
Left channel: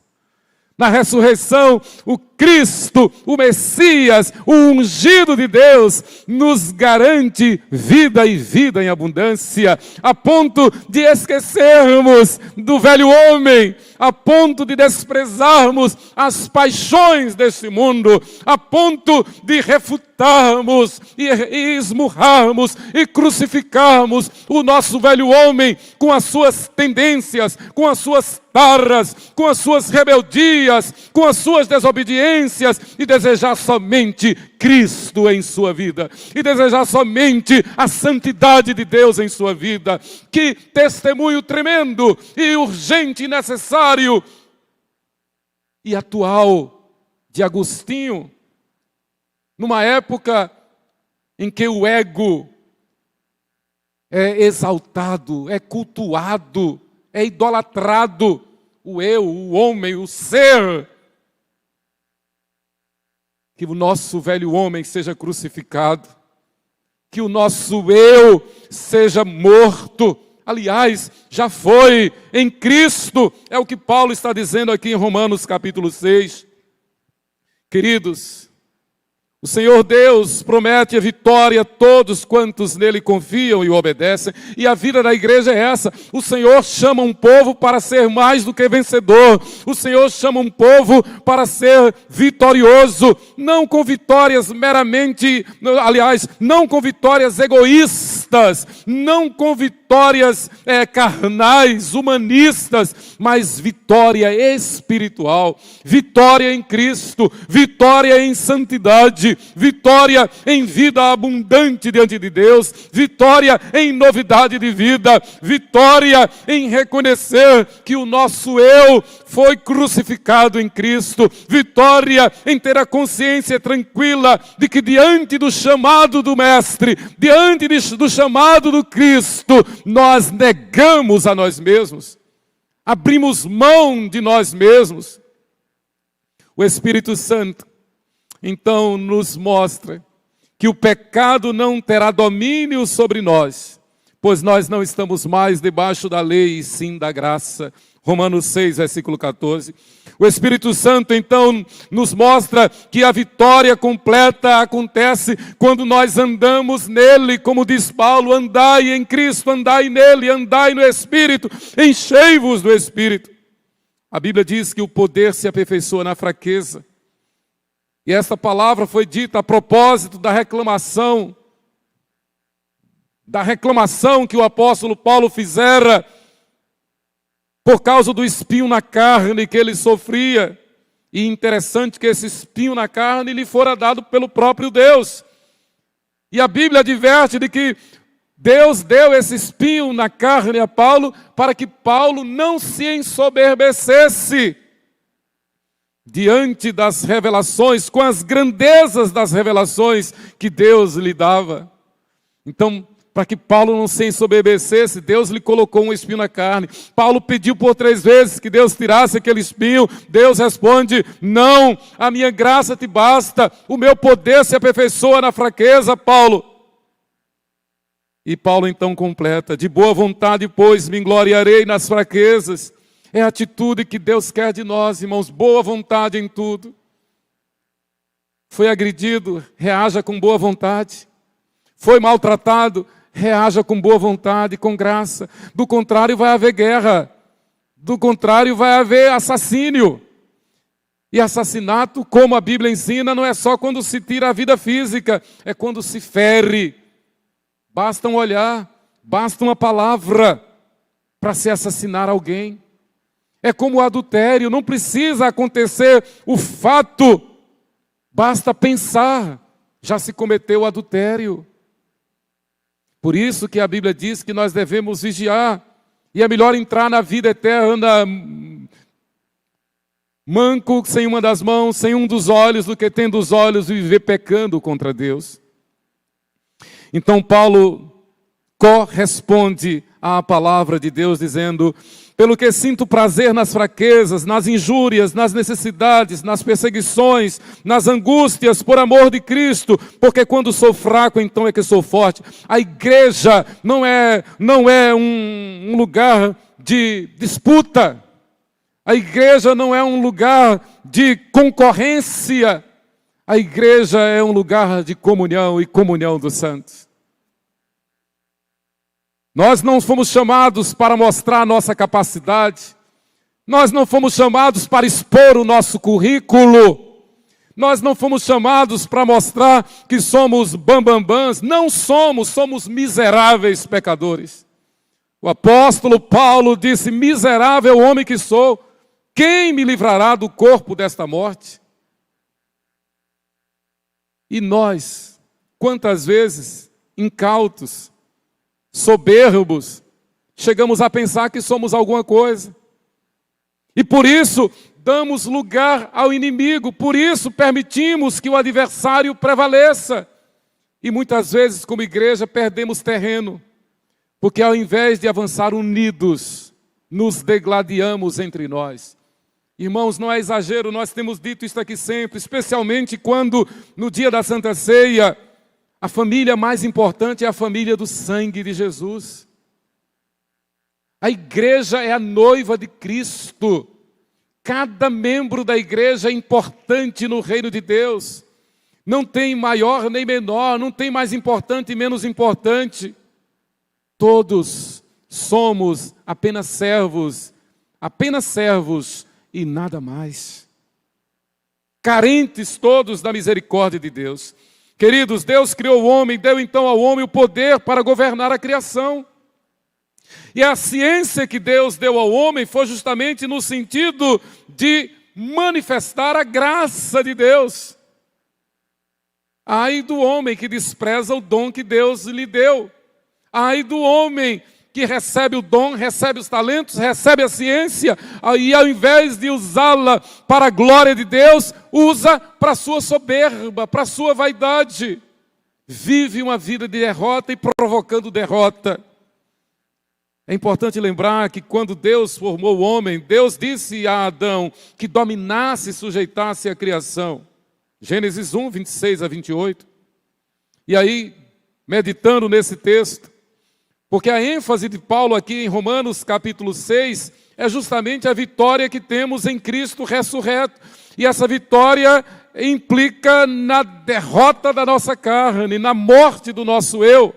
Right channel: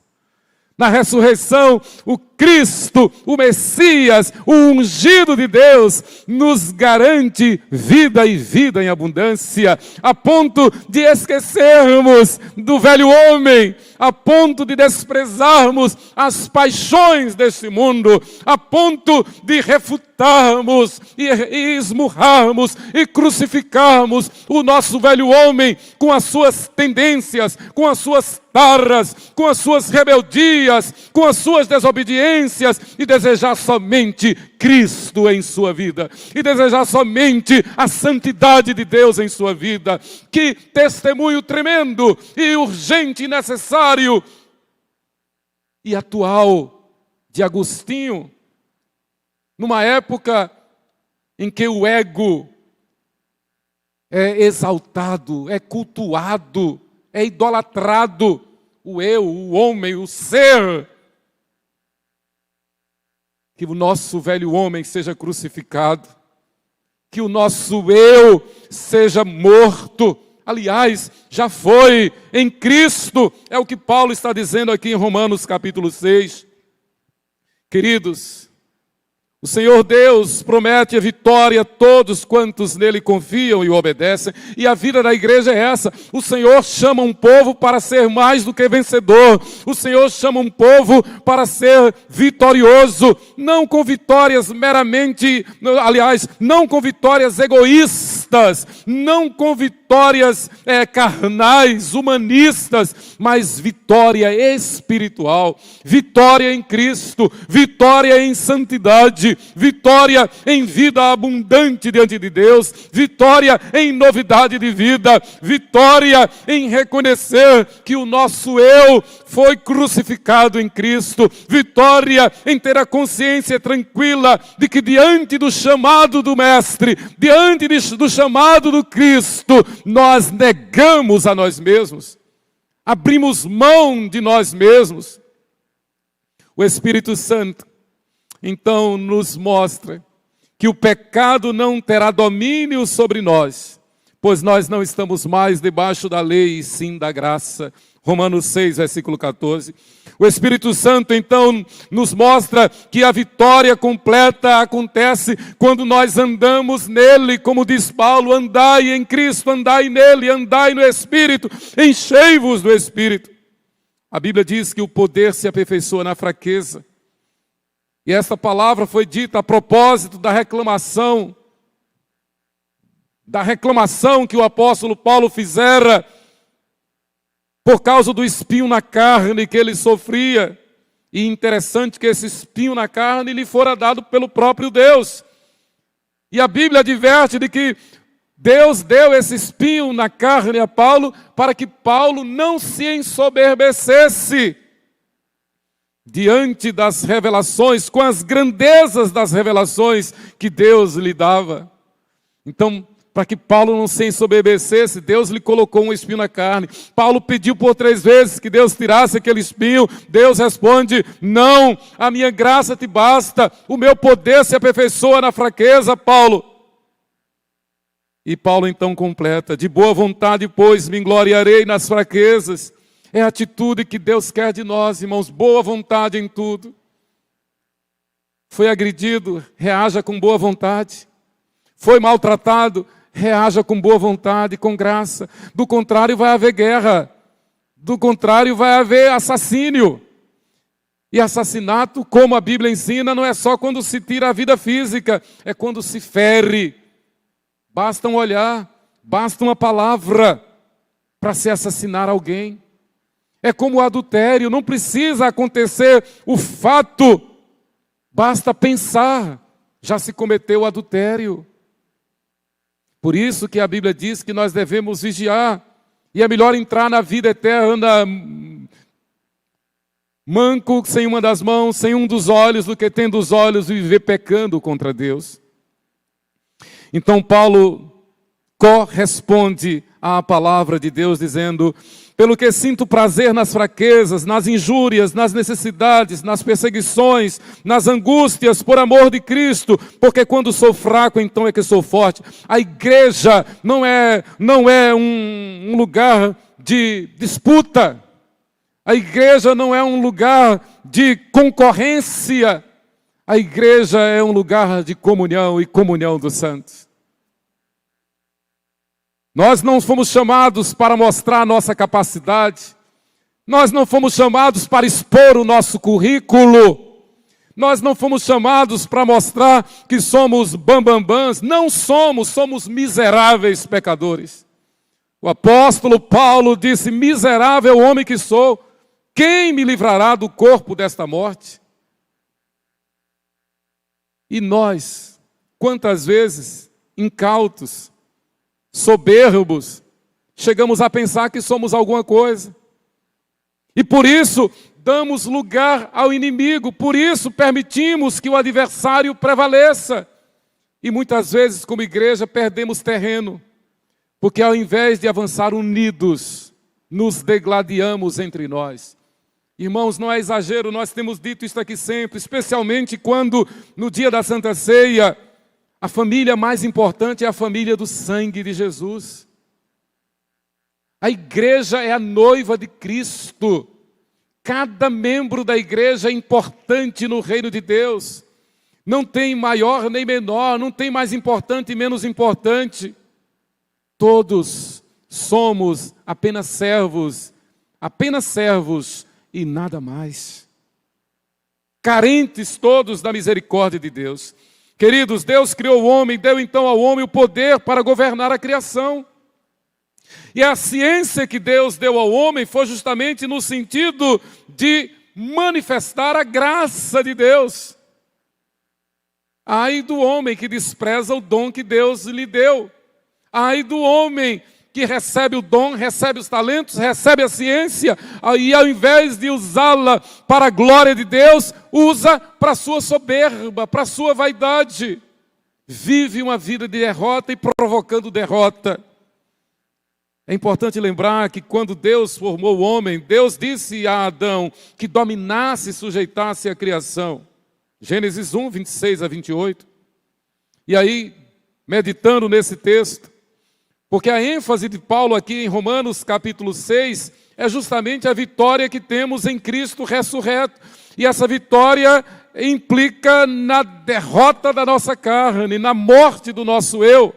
Na ressurreição, o Cristo, o Messias, o ungido de Deus, nos garante vida e vida em abundância, a ponto de esquecermos do velho homem, a ponto de desprezarmos as paixões desse mundo, a ponto de refutarmos e esmurrarmos e crucificarmos o nosso velho homem com as suas tendências, com as suas tarras, com as suas rebeldias, com as suas desobediências, e desejar somente Cristo em sua vida, e desejar somente a santidade de Deus em sua vida. Que testemunho tremendo e urgente e necessário e atual de Agostinho, numa época em que o ego é exaltado, é cultuado, é idolatrado, o eu, o homem, o ser. Que o nosso velho homem seja crucificado, que o nosso eu seja morto. Aliás, já foi em Cristo, é o que Paulo está dizendo aqui em Romanos capítulo 6. Queridos, O Senhor Deus promete a vitória a todos quantos nele confiam e obedecem. E a vida da igreja é essa. O Senhor chama um povo para ser mais do que vencedor. O Senhor chama um povo para ser vitorioso. Não com vitórias meramente, aliás, não com vitórias egoístas. Não com vitórias carnais, humanistas. Mas vitória espiritual. Vitória em Cristo. Vitória em santidade. Vitória em vida abundante diante de Deus, vitória em novidade de vida, vitória em reconhecer que o nosso eu foi crucificado em Cristo, vitória em ter a consciência tranquila de que diante do chamado do Mestre, diante do chamado do Cristo, nós negamos a nós mesmos, abrimos mão de nós mesmos. O Espírito Santo então nos mostra que o pecado não terá domínio sobre nós, pois nós não estamos mais debaixo da lei, e sim da graça. Romanos 6, versículo 14. O Espírito Santo então nos mostra que a vitória completa acontece quando nós andamos nele, como diz Paulo, andai em Cristo, andai nele, andai no Espírito, enchei-vos do Espírito. A Bíblia diz que o poder se aperfeiçoa na fraqueza. E essa palavra foi dita a propósito da reclamação que o apóstolo Paulo fizera por causa do espinho na carne que ele sofria. E interessante que esse espinho na carne lhe fora dado pelo próprio Deus. E a Bíblia adverte de que Deus deu esse espinho na carne a Paulo para que Paulo não se ensoberbecesse diante das revelações, com as grandezas das revelações que Deus lhe dava. Então, para que Paulo não se ensoberbecesse, Deus lhe colocou um espinho na carne. Paulo pediu por 3 vezes que Deus tirasse aquele espinho. Deus responde: não, a minha graça te basta, o meu poder se aperfeiçoa na fraqueza, Paulo. E Paulo então completa: de boa vontade, pois, me gloriarei nas fraquezas. É a atitude que Deus quer de nós, irmãos, boa vontade em tudo. Foi agredido, reaja com boa vontade. Foi maltratado, reaja com boa vontade, com graça. Do contrário, vai haver guerra. Do contrário, vai haver assassínio. E assassinato, como a Bíblia ensina, não é só quando se tira a vida física, é quando se fere. Basta um olhar, basta uma palavra para se assassinar alguém. É como o adultério, não precisa acontecer o fato, basta pensar, já se cometeu o adultério. Por isso que a Bíblia diz que nós devemos vigiar, e é melhor entrar na vida eterna manco, sem uma das mãos, sem um dos olhos, do que tendo os olhos e viver pecando contra Deus. Então Paulo corresponde à palavra de Deus dizendo: pelo que sinto prazer nas fraquezas, nas injúrias, nas necessidades, nas perseguições, nas angústias, por amor de Cristo, porque quando sou fraco, então é que sou forte. A igreja não é um lugar de disputa. A igreja não é um lugar de concorrência. A igreja é um lugar de comunhão e comunhão dos santos. Nós não fomos chamados para mostrar a nossa capacidade. Nós não fomos chamados para expor o nosso currículo. Nós não fomos chamados para mostrar que somos bambambãs. Não somos, somos miseráveis pecadores. O apóstolo Paulo disse: miserável homem que sou, quem me livrará do corpo desta morte? E nós, quantas vezes, incautos, soberbos, chegamos a pensar que somos alguma coisa. E por isso damos lugar ao inimigo, por isso permitimos que o adversário prevaleça. E muitas vezes, como igreja, perdemos terreno, porque ao invés de avançar unidos, nos degladiamos entre nós. Irmãos, não é exagero, nós temos dito isso aqui sempre, especialmente quando no dia da Santa Ceia, a família mais importante é a família do sangue de Jesus. A igreja é a noiva de Cristo. Cada membro da igreja é importante no reino de Deus. Não tem maior nem menor, não tem mais importante e menos importante. Todos somos apenas servos e nada mais. Carentes todos da misericórdia de Deus. Queridos, Deus criou o homem, deu então ao homem o poder para governar a criação. E a ciência que Deus deu ao homem foi justamente no sentido de manifestar a graça de Deus. Ai do homem que despreza o dom que Deus lhe deu. Ai do homem que recebe o dom, recebe os talentos, recebe a ciência, e ao invés de usá-la para a glória de Deus, usa para a sua soberba, para a sua vaidade. Vive uma vida de derrota e provocando derrota. É importante lembrar que quando Deus formou o homem, Deus disse a Adão que dominasse e sujeitasse a criação. Gênesis 1, 26 a 28. E aí, meditando nesse texto, porque a ênfase de Paulo aqui em Romanos capítulo 6 é justamente a vitória que temos em Cristo ressurreto. E essa vitória implica na derrota da nossa carne, na morte do nosso eu.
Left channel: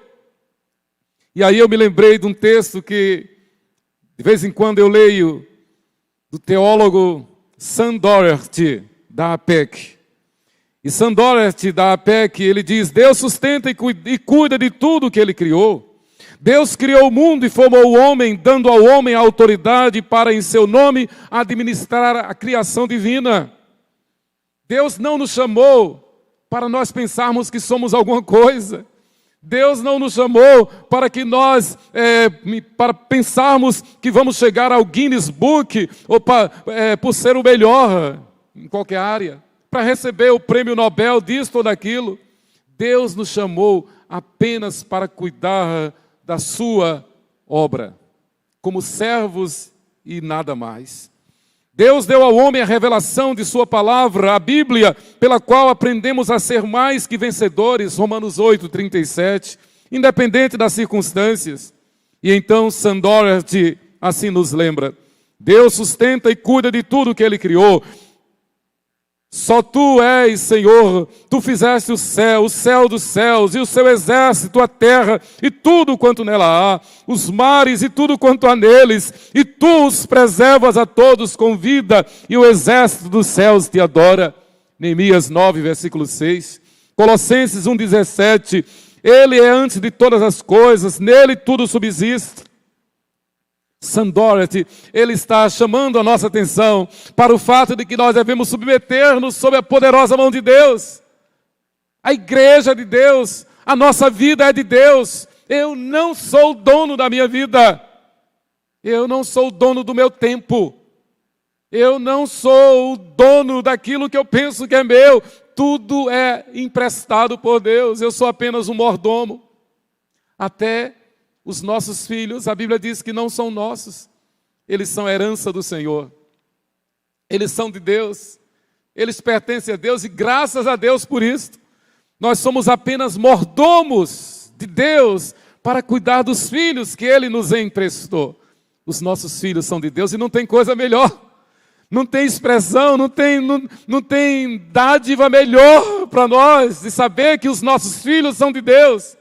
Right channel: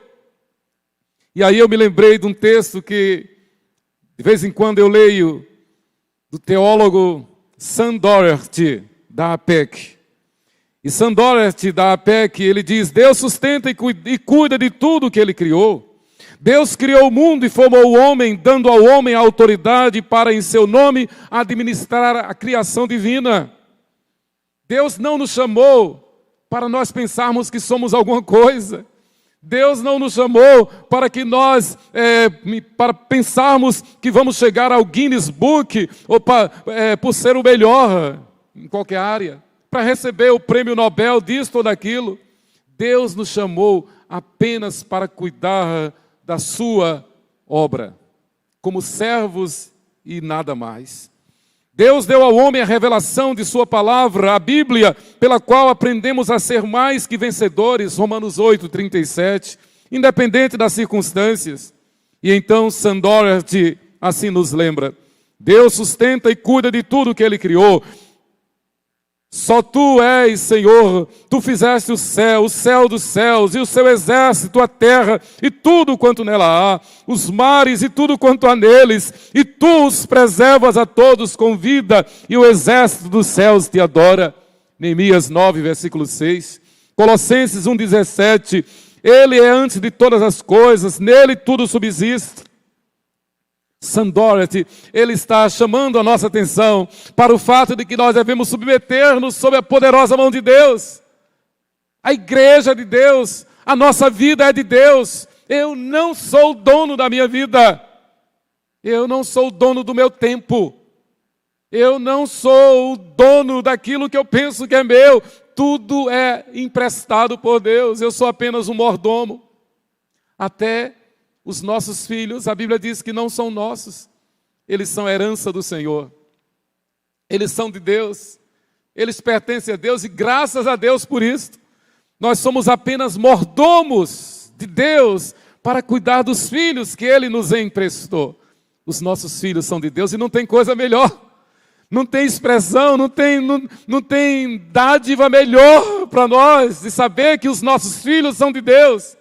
E aí eu me lembrei de um texto que de vez em quando eu leio, do teólogo Sam Doherty, da APEC. E Sam Doherty, da APEC, ele diz: Deus sustenta e cuida de tudo que Ele criou. Deus criou o mundo e formou o homem, dando ao homem a autoridade para, em seu nome, administrar a criação divina. Deus não nos chamou para nós pensarmos que somos alguma coisa. Deus não nos chamou para que nós, para pensarmos que vamos chegar ao Guinness Book, ou por ser o melhor em qualquer área, para receber o prêmio Nobel disto ou daquilo. Deus nos chamou apenas para cuidar da sua obra, como servos e nada mais. Deus deu ao homem a revelação de sua palavra, a Bíblia, pela qual aprendemos a ser mais que vencedores, Romanos 8, 37, independente das circunstâncias. E então Sam Doherty assim nos lembra: Deus sustenta e cuida de tudo que Ele criou. Só Tu és, Senhor, Tu fizeste o céu dos céus, e o seu exército, a terra, e tudo quanto nela há, os mares e tudo quanto há neles, e Tu os preservas a todos com vida, e o exército dos céus te adora. Neemias 9, versículo 6. Colossenses 1, 17. Ele é antes de todas as coisas, nele tudo subsiste. Sam Doherty, ele está chamando a nossa atenção para o fato de que nós devemos submeter-nos sob a poderosa mão de Deus. A igreja de Deus, a nossa vida é de Deus. Eu não sou o dono da minha vida. Eu não sou o dono do meu tempo. Eu não sou o dono daquilo que eu penso que é meu. Tudo é emprestado por Deus. Eu sou apenas um mordomo. Até os nossos filhos, a Bíblia diz que não são nossos. Eles são herança do Senhor. Eles são de Deus. Eles pertencem a Deus e graças a Deus por isso. Nós somos apenas mordomos de Deus para cuidar dos filhos que Ele nos emprestou. Os nossos filhos são de Deus e não tem coisa melhor. Não tem expressão, não tem dádiva melhor para nós de saber que os nossos filhos são de Deus.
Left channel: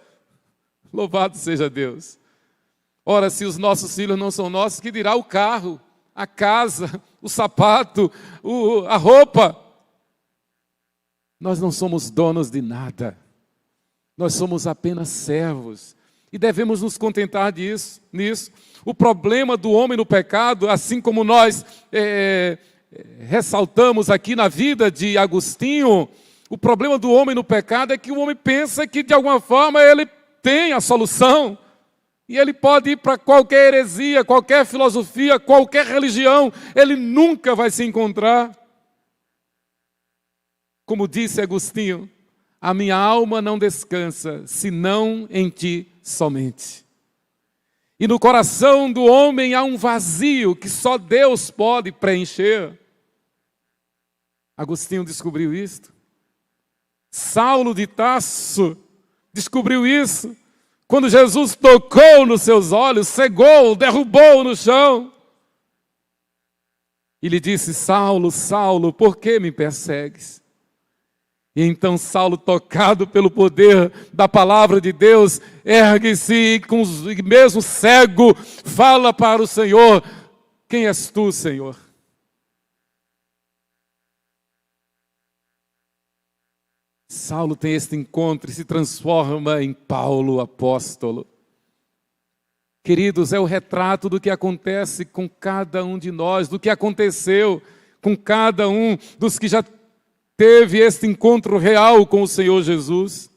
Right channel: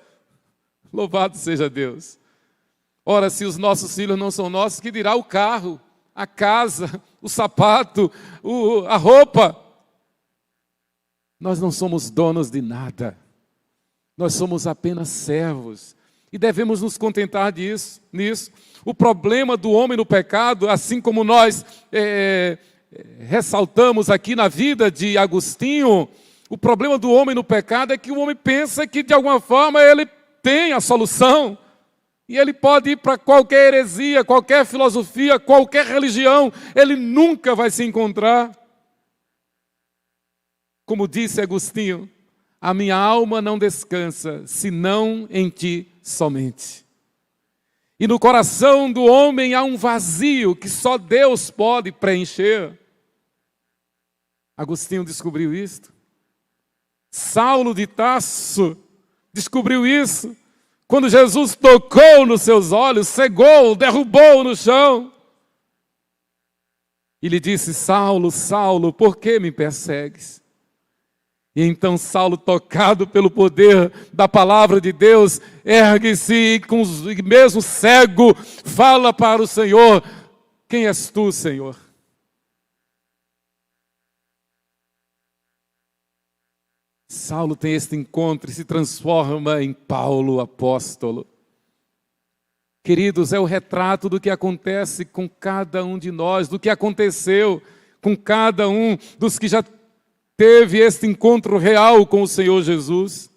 Louvado seja Deus. Ora, se os nossos filhos não são nossos, que dirá o carro, a casa, o sapato, a roupa? Nós não somos donos de nada. Nós somos apenas servos. E devemos nos contentar nisso. O problema do homem no pecado, assim como nós ressaltamos aqui na vida de Agostinho, o problema do homem no pecado é que o homem pensa que de alguma forma ele tem a solução, e ele pode ir para qualquer heresia, qualquer filosofia, qualquer religião, ele nunca vai se encontrar. Como disse Agostinho, a minha alma não descansa, senão em Ti somente. E no coração do homem há um vazio que só Deus pode preencher. Agostinho descobriu isto. Saulo de Tarso descobriu isso, quando Jesus tocou nos seus olhos, cegou, derrubou no chão. E lhe disse: Saulo, Saulo, por que me persegues? E então Saulo, tocado pelo poder da palavra de Deus, ergue-se e com o mesmo cego fala para o Senhor: quem és tu, Senhor? Saulo tem este encontro e se transforma em Paulo, apóstolo. Queridos, é o retrato do que acontece com cada um de nós, do que aconteceu com cada um dos que já teve este encontro real com o Senhor Jesus.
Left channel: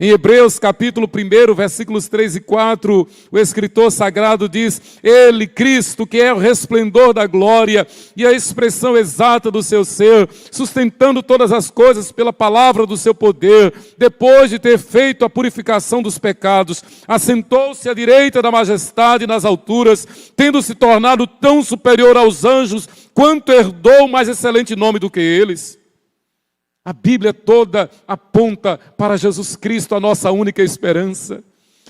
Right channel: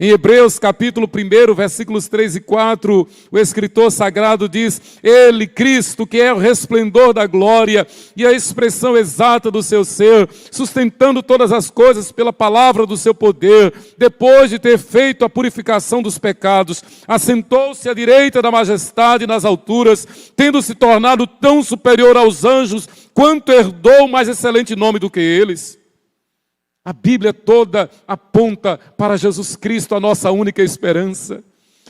Em Hebreus capítulo 1, versículos 3 e 4, o escritor sagrado diz: Ele, Cristo, que é o resplendor da glória e a expressão exata do seu ser, sustentando todas as coisas pela palavra do seu poder, depois de ter feito a purificação dos pecados, assentou-se à direita da majestade nas alturas, tendo se tornado tão superior aos anjos, quanto herdou mais excelente nome do que eles. A Bíblia toda aponta para Jesus Cristo, a nossa única esperança.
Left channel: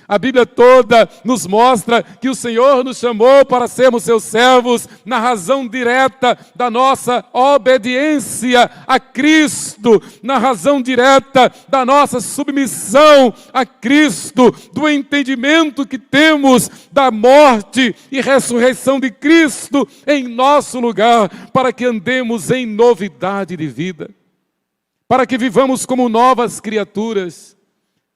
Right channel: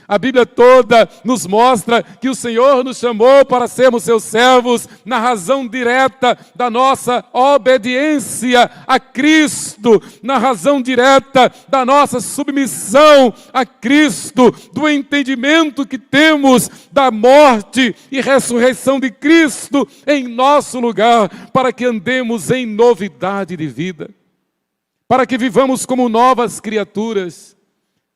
A Bíblia toda nos mostra que o Senhor nos chamou para sermos seus servos na razão direta da nossa obediência a Cristo, na razão direta da nossa submissão a Cristo, do entendimento que temos da morte e ressurreição de Cristo em nosso lugar, para que andemos em novidade de vida, para que vivamos como novas criaturas,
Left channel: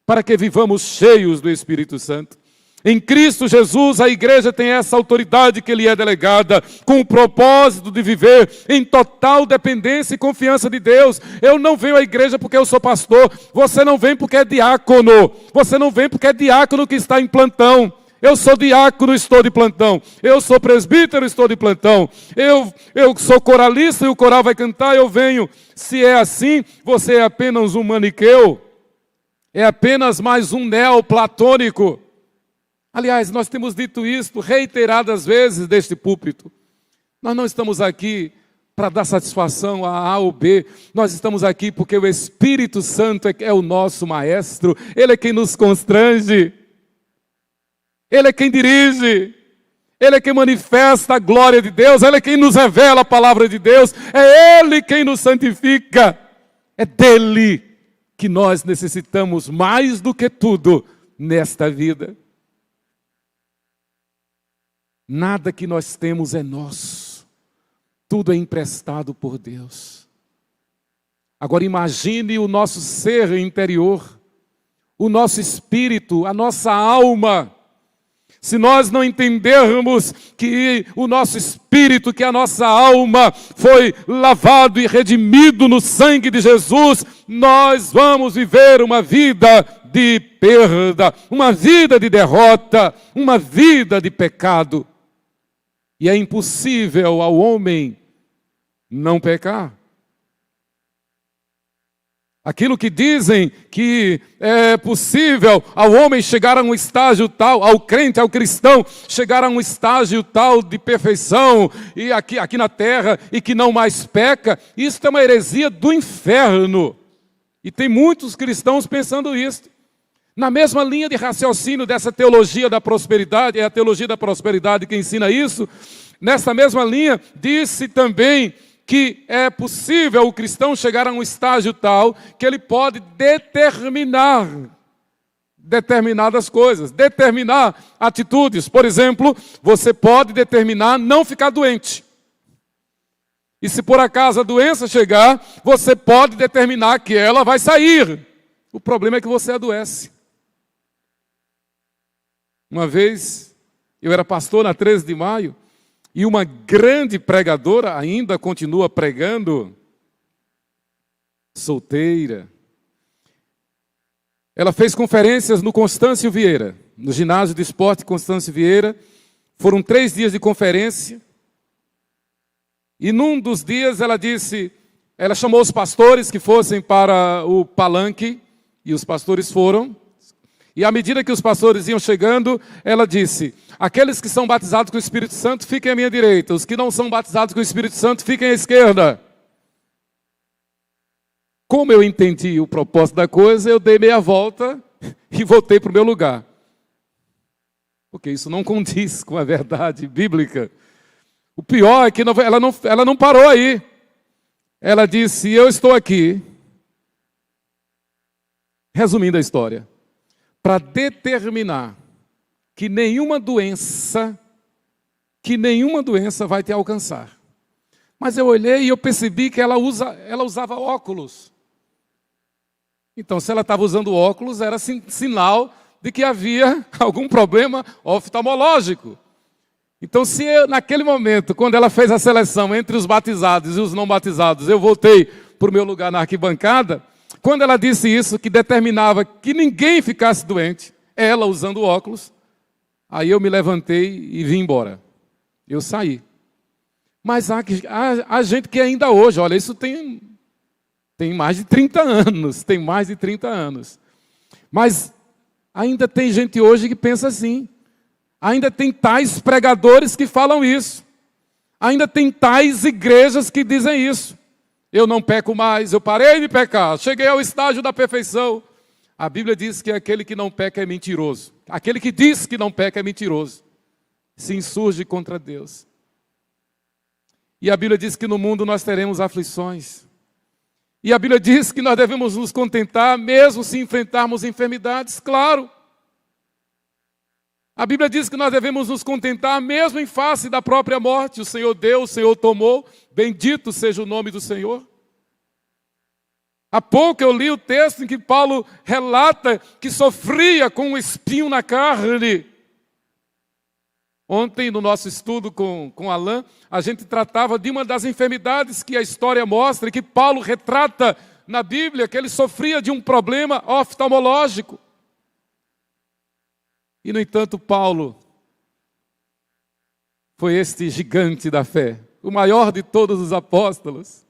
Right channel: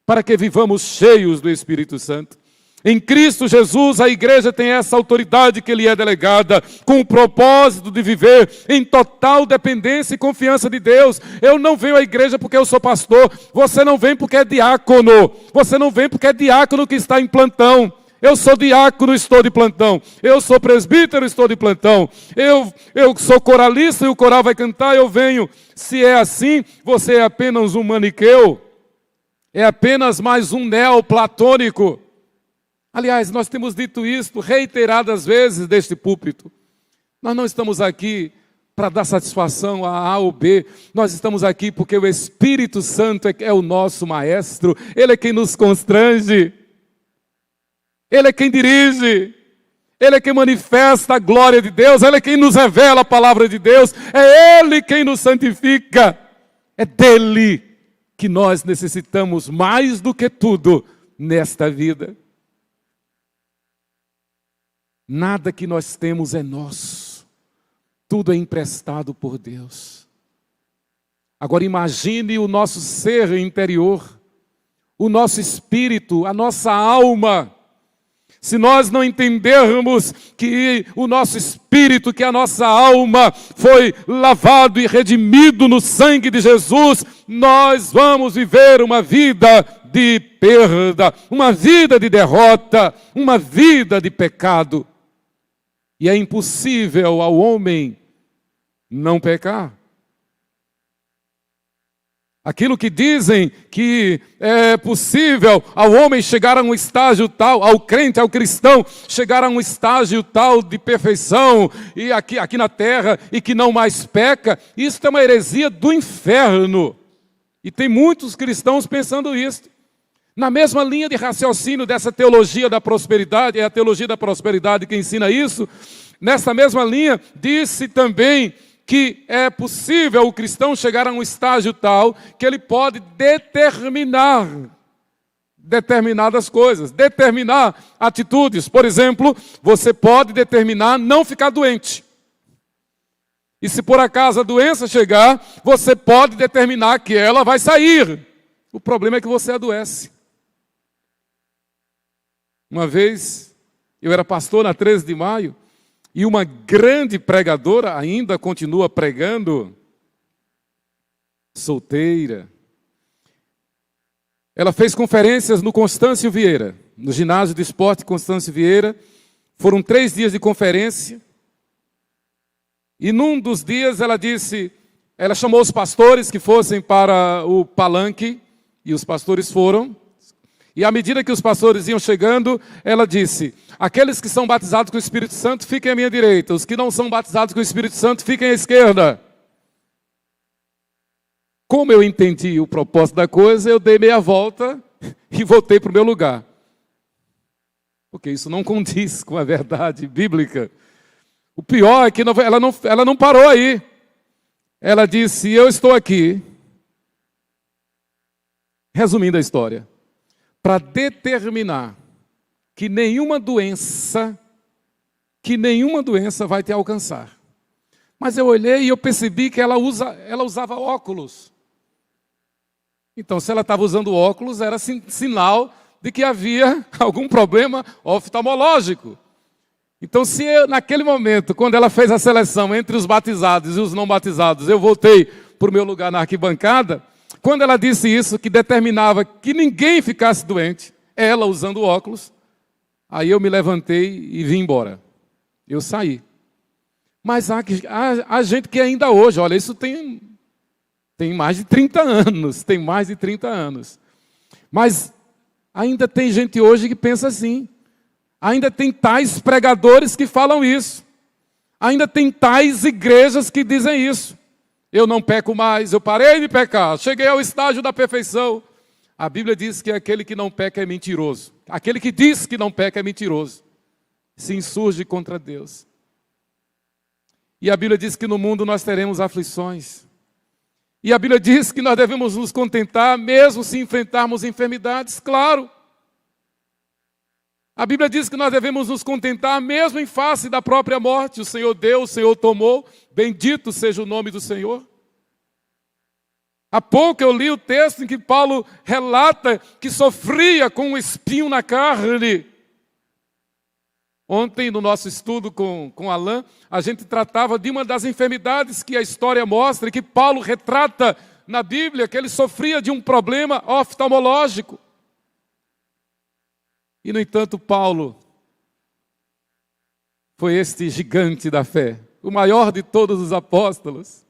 para que vivamos cheios do Espírito Santo. Em Cristo Jesus, a igreja tem essa autoridade que lhe é delegada, com o propósito de viver em total dependência e confiança de Deus. Eu não venho à igreja porque eu sou pastor, você não vem porque é diácono, você não vem porque é diácono que está em plantão. Eu sou diácono, estou de plantão. Eu sou presbítero, estou de plantão. Eu sou coralista e o coral vai cantar, eu venho. Se é assim, você é apenas um maniqueu. É apenas mais um neoplatônico. Aliás, nós temos dito isto reiteradas vezes deste púlpito. Nós não estamos aqui para dar satisfação a A ou B. Nós estamos aqui porque o Espírito Santo é o nosso maestro. Ele é quem nos constrange. Ele é quem dirige, Ele é quem manifesta a glória de Deus, Ele é quem nos revela a palavra de Deus, é Ele quem nos santifica, é dele que nós necessitamos mais do que tudo nesta vida. Nada que nós temos é nosso, tudo é emprestado por Deus. Agora imagine o nosso ser interior, o nosso espírito, a nossa alma. Se nós não entendermos que o nosso espírito, que a nossa alma foi lavado e redimido no sangue de Jesus, nós vamos viver uma vida de perda, uma vida de derrota, uma vida de pecado. E é impossível ao homem não pecar. Aquilo que dizem que é possível ao homem chegar a um estágio tal, ao crente, ao cristão, chegar a um estágio tal de perfeição e aqui na terra e que não mais peca, isso é uma heresia do inferno. E tem muitos cristãos pensando isso. Na mesma linha de raciocínio dessa teologia da prosperidade, é a teologia da prosperidade que ensina isso, nessa mesma linha disse também que é possível o cristão chegar a um estágio tal que ele pode determinar determinadas coisas, determinar atitudes. Por exemplo, você pode determinar não ficar doente. E se por acaso a doença chegar, você pode determinar que ela vai sair. O problema é que você adoece. Uma vez, eu era pastor na 13 de maio, e uma grande pregadora ainda continua pregando, solteira. Ela fez conferências no Constâncio Vieira, no ginásio de esporte Constâncio Vieira. Foram 3 dias de conferência. E num dos dias ela disse, ela chamou os pastores que fossem para o palanque, e os pastores foram. E à medida que os pastores iam chegando, ela disse: aqueles que são batizados com o Espírito Santo, fiquem à minha direita. Os que não são batizados com o Espírito Santo, fiquem à esquerda. Como eu entendi o propósito da coisa, eu dei meia volta e voltei para o meu lugar. Porque isso não condiz com a verdade bíblica. O pior é que ela não parou aí. Ela disse: eu estou aqui Resumindo a história, para determinar que nenhuma doença vai te alcançar. Mas eu olhei e eu percebi que ela usava óculos. Então, se ela estava usando óculos, era sinal de que havia algum problema oftalmológico. Então, se naquele momento, quando ela fez a seleção entre os batizados e os não batizados, eu voltei para o meu lugar na arquibancada, quando ela disse isso, que determinava que ninguém ficasse doente, ela usando óculos, aí eu me levantei e vim embora. Eu saí. Mas há gente que ainda hoje, olha, isso tem mais de 30 anos, mas ainda tem gente hoje que pensa assim. Ainda tem tais pregadores que falam isso. Ainda tem tais igrejas que dizem isso. Eu não peco mais, eu parei de pecar, cheguei ao estágio da perfeição. A Bíblia diz que aquele que não peca é mentiroso. Aquele que diz que não peca é mentiroso. Se insurge contra Deus. E a Bíblia diz que no mundo nós teremos aflições. E a Bíblia diz que nós devemos nos contentar, mesmo se enfrentarmos enfermidades, claro. A Bíblia diz que nós devemos nos contentar, mesmo em face da própria morte. O Senhor deu, o Senhor tomou, bendito seja o nome do Senhor. Há pouco eu li o texto em que Paulo relata que sofria com um espinho na carne. Ontem, no nosso estudo com Alain, a gente tratava de uma das enfermidades que a história mostra e que Paulo retrata na Bíblia, que ele sofria de um problema oftalmológico. E, no entanto, Paulo foi este gigante da fé, o maior de todos os apóstolos.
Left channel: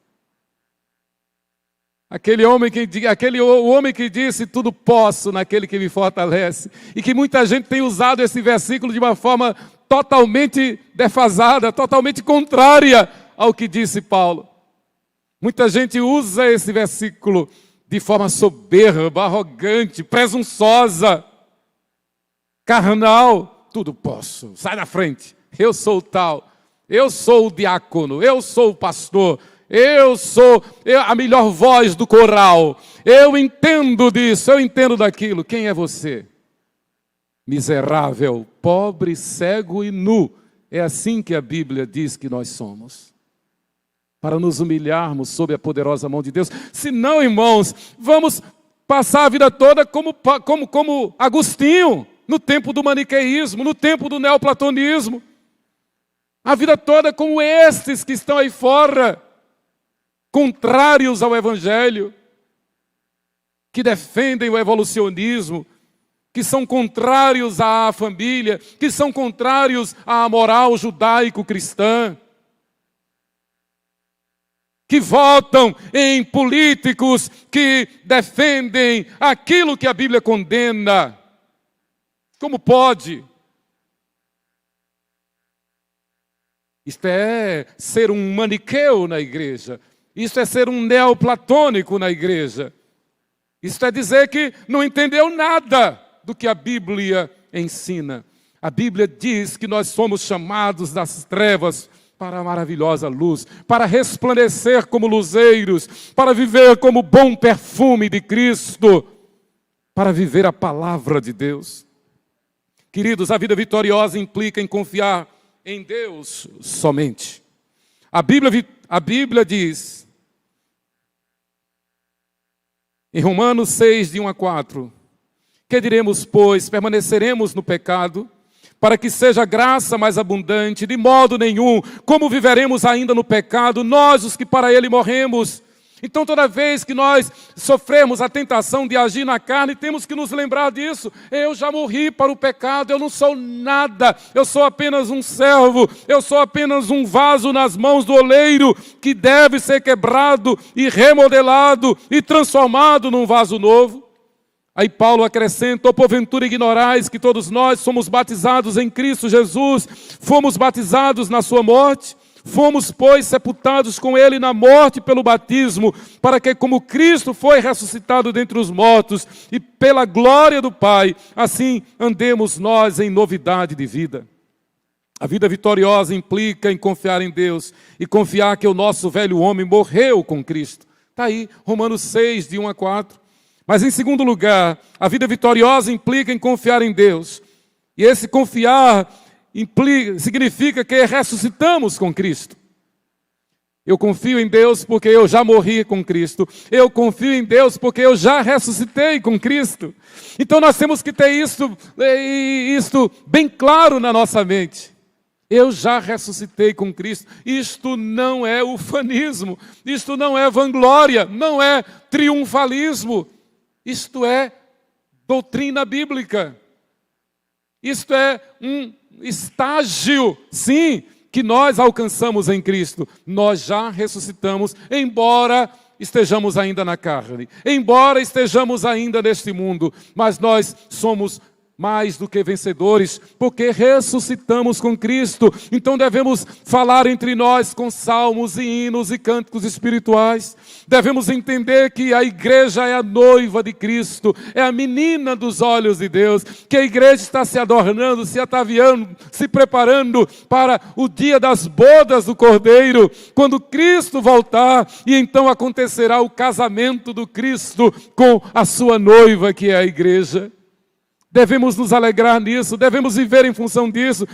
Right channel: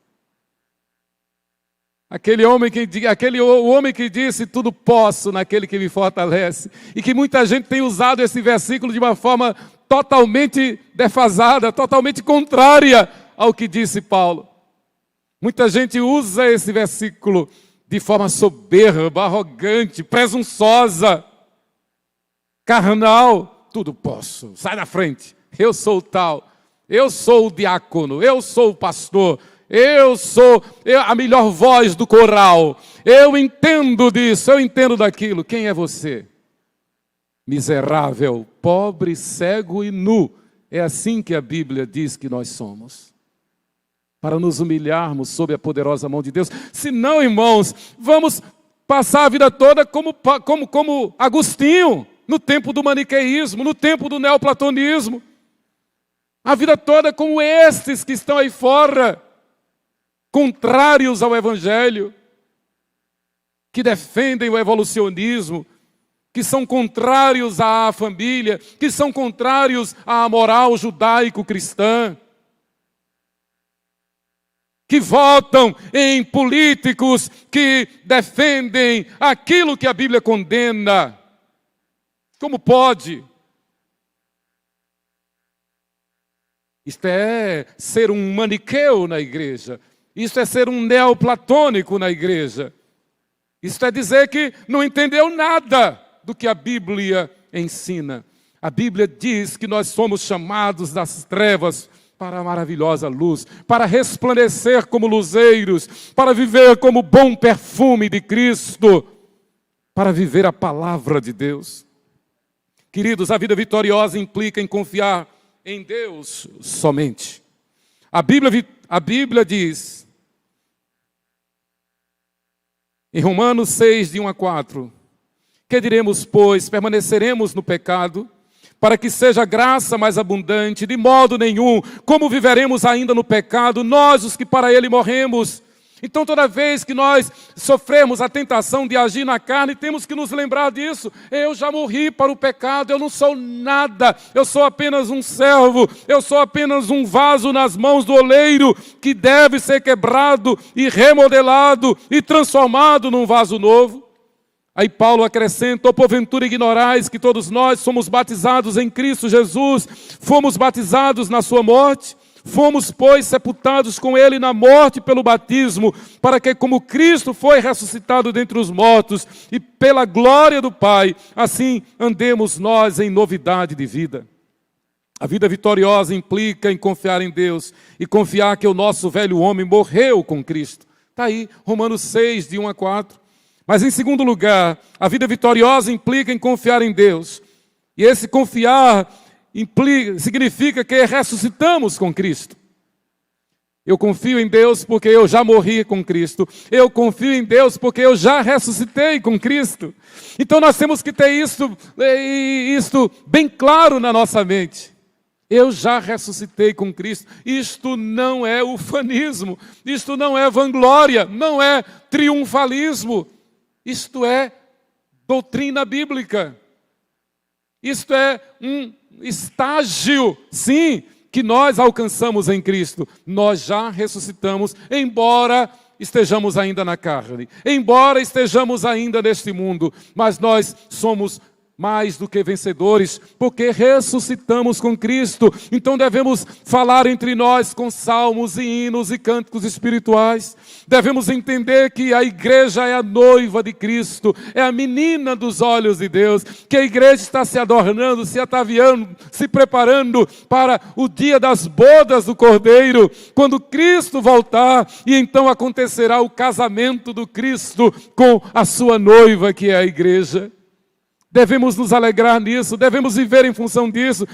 O homem que disse, tudo posso naquele que me fortalece. E que muita gente tem usado esse versículo de uma forma totalmente defasada, totalmente contrária ao que disse Paulo. Muita gente usa esse versículo de forma soberba, arrogante, presunçosa, carnal. Tudo posso, sai da frente, eu sou o tal, eu sou o diácono, eu sou o pastor, eu sou a melhor voz do coral, eu entendo disso, eu entendo daquilo. Quem é você? Miserável, pobre, cego e nu. É assim que a Bíblia diz que nós somos. Para nos humilharmos sob a poderosa mão de Deus. Se não, irmãos, vamos passar a vida toda como Agostinho, no tempo do maniqueísmo, no tempo do neoplatonismo. A vida toda como estes que estão aí fora, contrários ao Evangelho, que defendem o evolucionismo, que são contrários à família, que são contrários à moral judaico-cristã, que votam em políticos que defendem aquilo que a Bíblia condena. Como pode? Isto é ser um maniqueu na igreja. Isso é ser um neoplatônico na igreja. Isso é dizer que não entendeu nada do que a Bíblia ensina. A Bíblia diz que nós somos chamados das trevas para a maravilhosa luz, para resplandecer como luzeiros, para viver como bom perfume de Cristo, para viver a palavra de Deus. Queridos, a vida vitoriosa implica em confiar em Deus somente. A Bíblia diz, em Romanos 6, de 1 a 4, que diremos, pois, permaneceremos no pecado, para que seja graça mais abundante? De modo nenhum. Como viveremos ainda no pecado, nós os que para ele morremos? Então toda vez que nós sofremos a tentação de agir na carne, temos que nos lembrar disso. Eu já morri para o pecado, eu não sou nada, eu sou apenas um servo, eu sou apenas um vaso nas mãos do oleiro, que deve ser quebrado e remodelado e transformado num vaso novo. Aí Paulo acrescenta, ou porventura ignorais que todos nós somos batizados em Cristo Jesus, fomos batizados na sua morte, fomos, pois, sepultados com ele na morte pelo batismo, para que, como Cristo foi ressuscitado dentre os mortos, e pela glória do Pai, assim andemos nós em novidade de vida. A vida vitoriosa implica em confiar em Deus, e confiar que o nosso velho homem morreu com Cristo. Está aí, Romanos 6, de 1 a 4. Mas em segundo lugar, a vida vitoriosa implica em confiar em Deus. E esse confiar significa que ressuscitamos com Cristo. Eu confio em Deus porque eu já morri com Cristo. Eu confio em Deus porque eu já ressuscitei com Cristo. Então nós temos que ter isto bem claro na nossa mente. Eu já ressuscitei com Cristo. Isto não é ufanismo. Isto não é vanglória. Não é triunfalismo. Isto é doutrina bíblica. Isto é um estágio, sim, que nós alcançamos em Cristo. Nós já ressuscitamos, embora estejamos ainda na carne, embora estejamos ainda neste mundo, mas nós somos mais do que vencedores, porque ressuscitamos com Cristo. Então devemos falar entre nós com salmos e hinos e cânticos espirituais. Devemos entender que a igreja é a noiva de Cristo, é a menina dos olhos de Deus, que a igreja está se adornando, se ataviando, se preparando para o dia das bodas do Cordeiro, quando Cristo voltar, e então acontecerá o casamento do Cristo com a sua noiva, que é a igreja. Devemos nos alegrar nisso, devemos viver em função disso.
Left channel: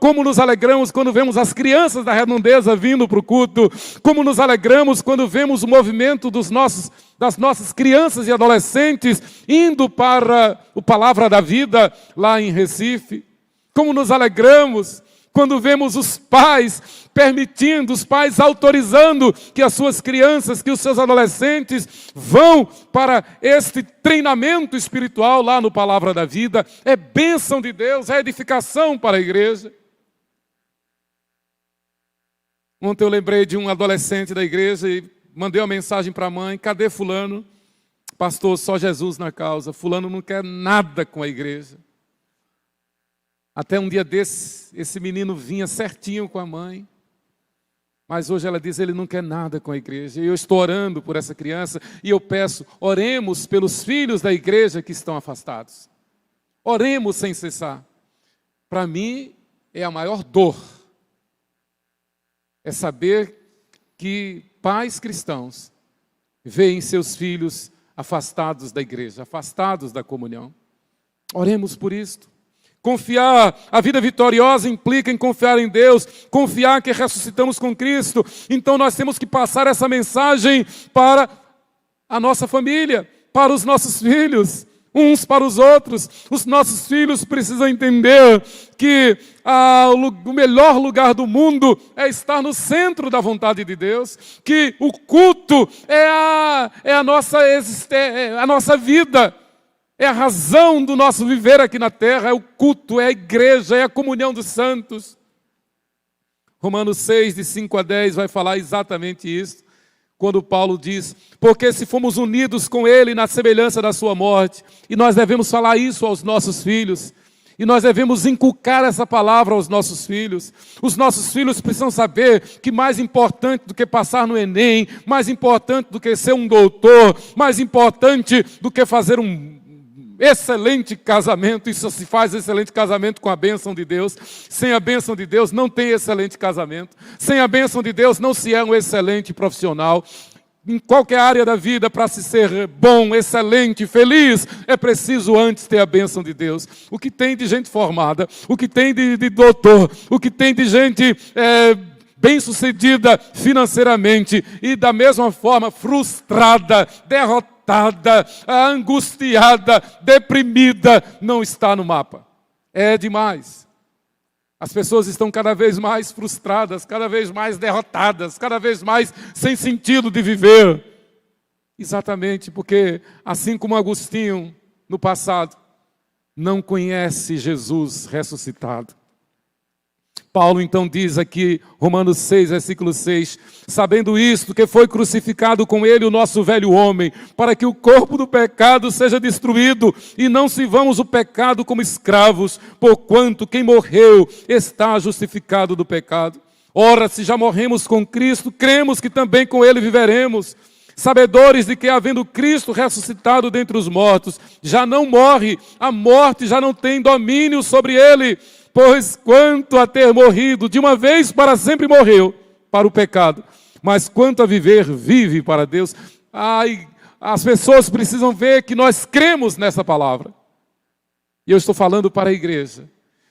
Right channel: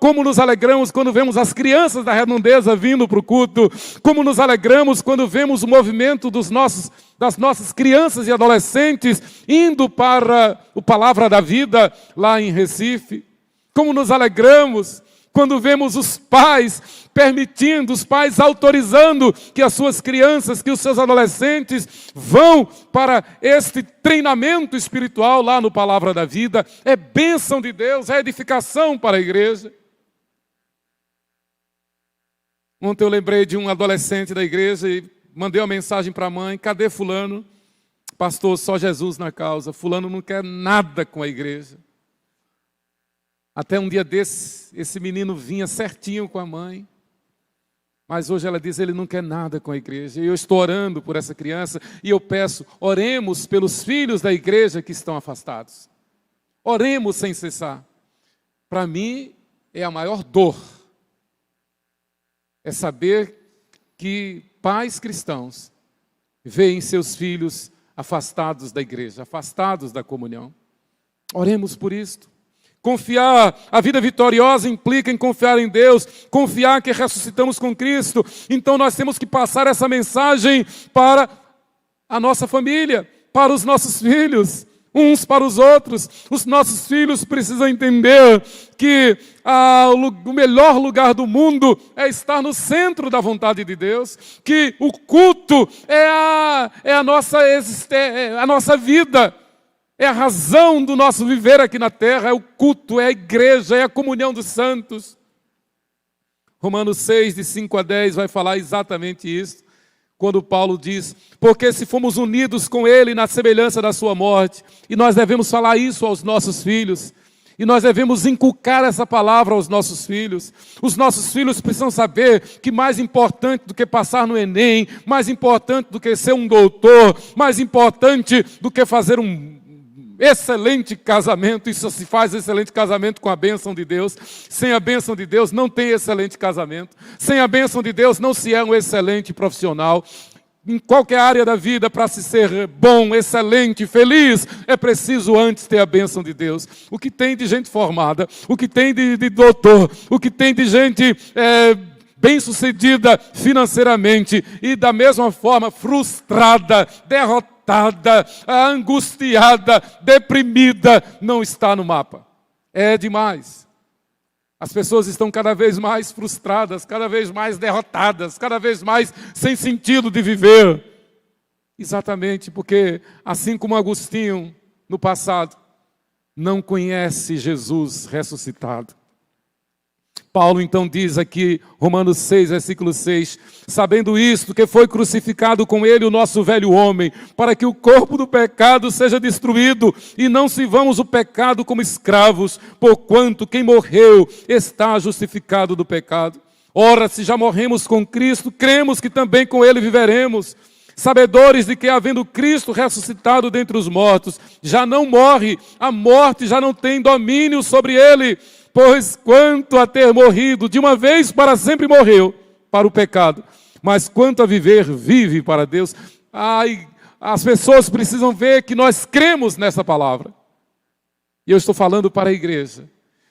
Como nos alegramos quando vemos as crianças da redondeza vindo para o culto, como nos alegramos quando vemos o movimento das nossas crianças e adolescentes indo para o Palavra da Vida lá em Recife. Como nos alegramos quando vemos os pais permitindo, os pais autorizando que as suas crianças, que os seus adolescentes vão para este treinamento espiritual lá no Palavra da Vida. É bênção de Deus, é edificação para a igreja. Ontem eu lembrei de um adolescente da igreja e mandei uma mensagem para a mãe: cadê fulano? Pastor, só Jesus na causa. Fulano não quer nada com a igreja. Até um dia desse, esse menino vinha certinho com a mãe. Mas hoje ela diz: ele não quer nada com a igreja. E eu estou orando por essa criança. E eu peço, oremos pelos filhos da igreja que estão afastados. Oremos sem cessar. Para mim, é a maior dor. É saber que pais cristãos veem seus filhos afastados da igreja, afastados da comunhão. Oremos por isto. Confiar, a vida vitoriosa implica em confiar em Deus, confiar que ressuscitamos com Cristo. Então nós temos que passar essa mensagem para a nossa família, para os nossos filhos, uns para os outros. Os nossos filhos precisam entender que o melhor lugar do mundo é estar no centro da vontade de Deus, que o culto é a nossa vida. É a razão do nosso viver aqui na terra, é o culto, é a igreja, é a comunhão dos santos. Romanos 6, de 5 a 10, vai falar exatamente isso, quando Paulo diz: porque se fomos unidos com Ele na semelhança da sua morte, e nós devemos falar isso aos nossos filhos, e nós devemos inculcar essa palavra aos nossos filhos. Os nossos filhos precisam saber que mais importante do que passar no Enem, mais importante do que ser um doutor, mais importante do que fazer um excelente casamento, isso se faz excelente casamento com a bênção de Deus. Sem a bênção de Deus não tem excelente casamento. Sem a bênção de Deus não se é um excelente profissional. Em qualquer área da vida, para se ser bom, excelente, feliz, é preciso antes ter a bênção de Deus. O que tem de gente formada, o que tem de doutor, o que tem de gente bem-sucedida financeiramente e da mesma forma frustrada, derrotada, angustiada, deprimida, não está no mapa. É demais. As pessoas estão cada vez mais frustradas, cada vez mais derrotadas, cada vez mais sem sentido de viver. Exatamente porque, assim como Agostinho no passado, não conhece Jesus ressuscitado. Paulo então diz aqui, Romanos 6, versículo 6, sabendo isto, que foi crucificado com ele o nosso velho homem, para que o corpo do pecado seja destruído, e não sirvamos o pecado como escravos, porquanto quem morreu está justificado do pecado. Ora, se já morremos com Cristo, cremos que também com ele viveremos, sabedores de que, havendo Cristo ressuscitado dentre os mortos, já não morre, a morte já não tem domínio sobre ele. Pois quanto a ter morrido, de uma vez para sempre morreu para o pecado, mas quanto a viver, vive para Deus. Ai, as pessoas precisam ver que nós cremos nessa palavra. E eu estou falando para a igreja.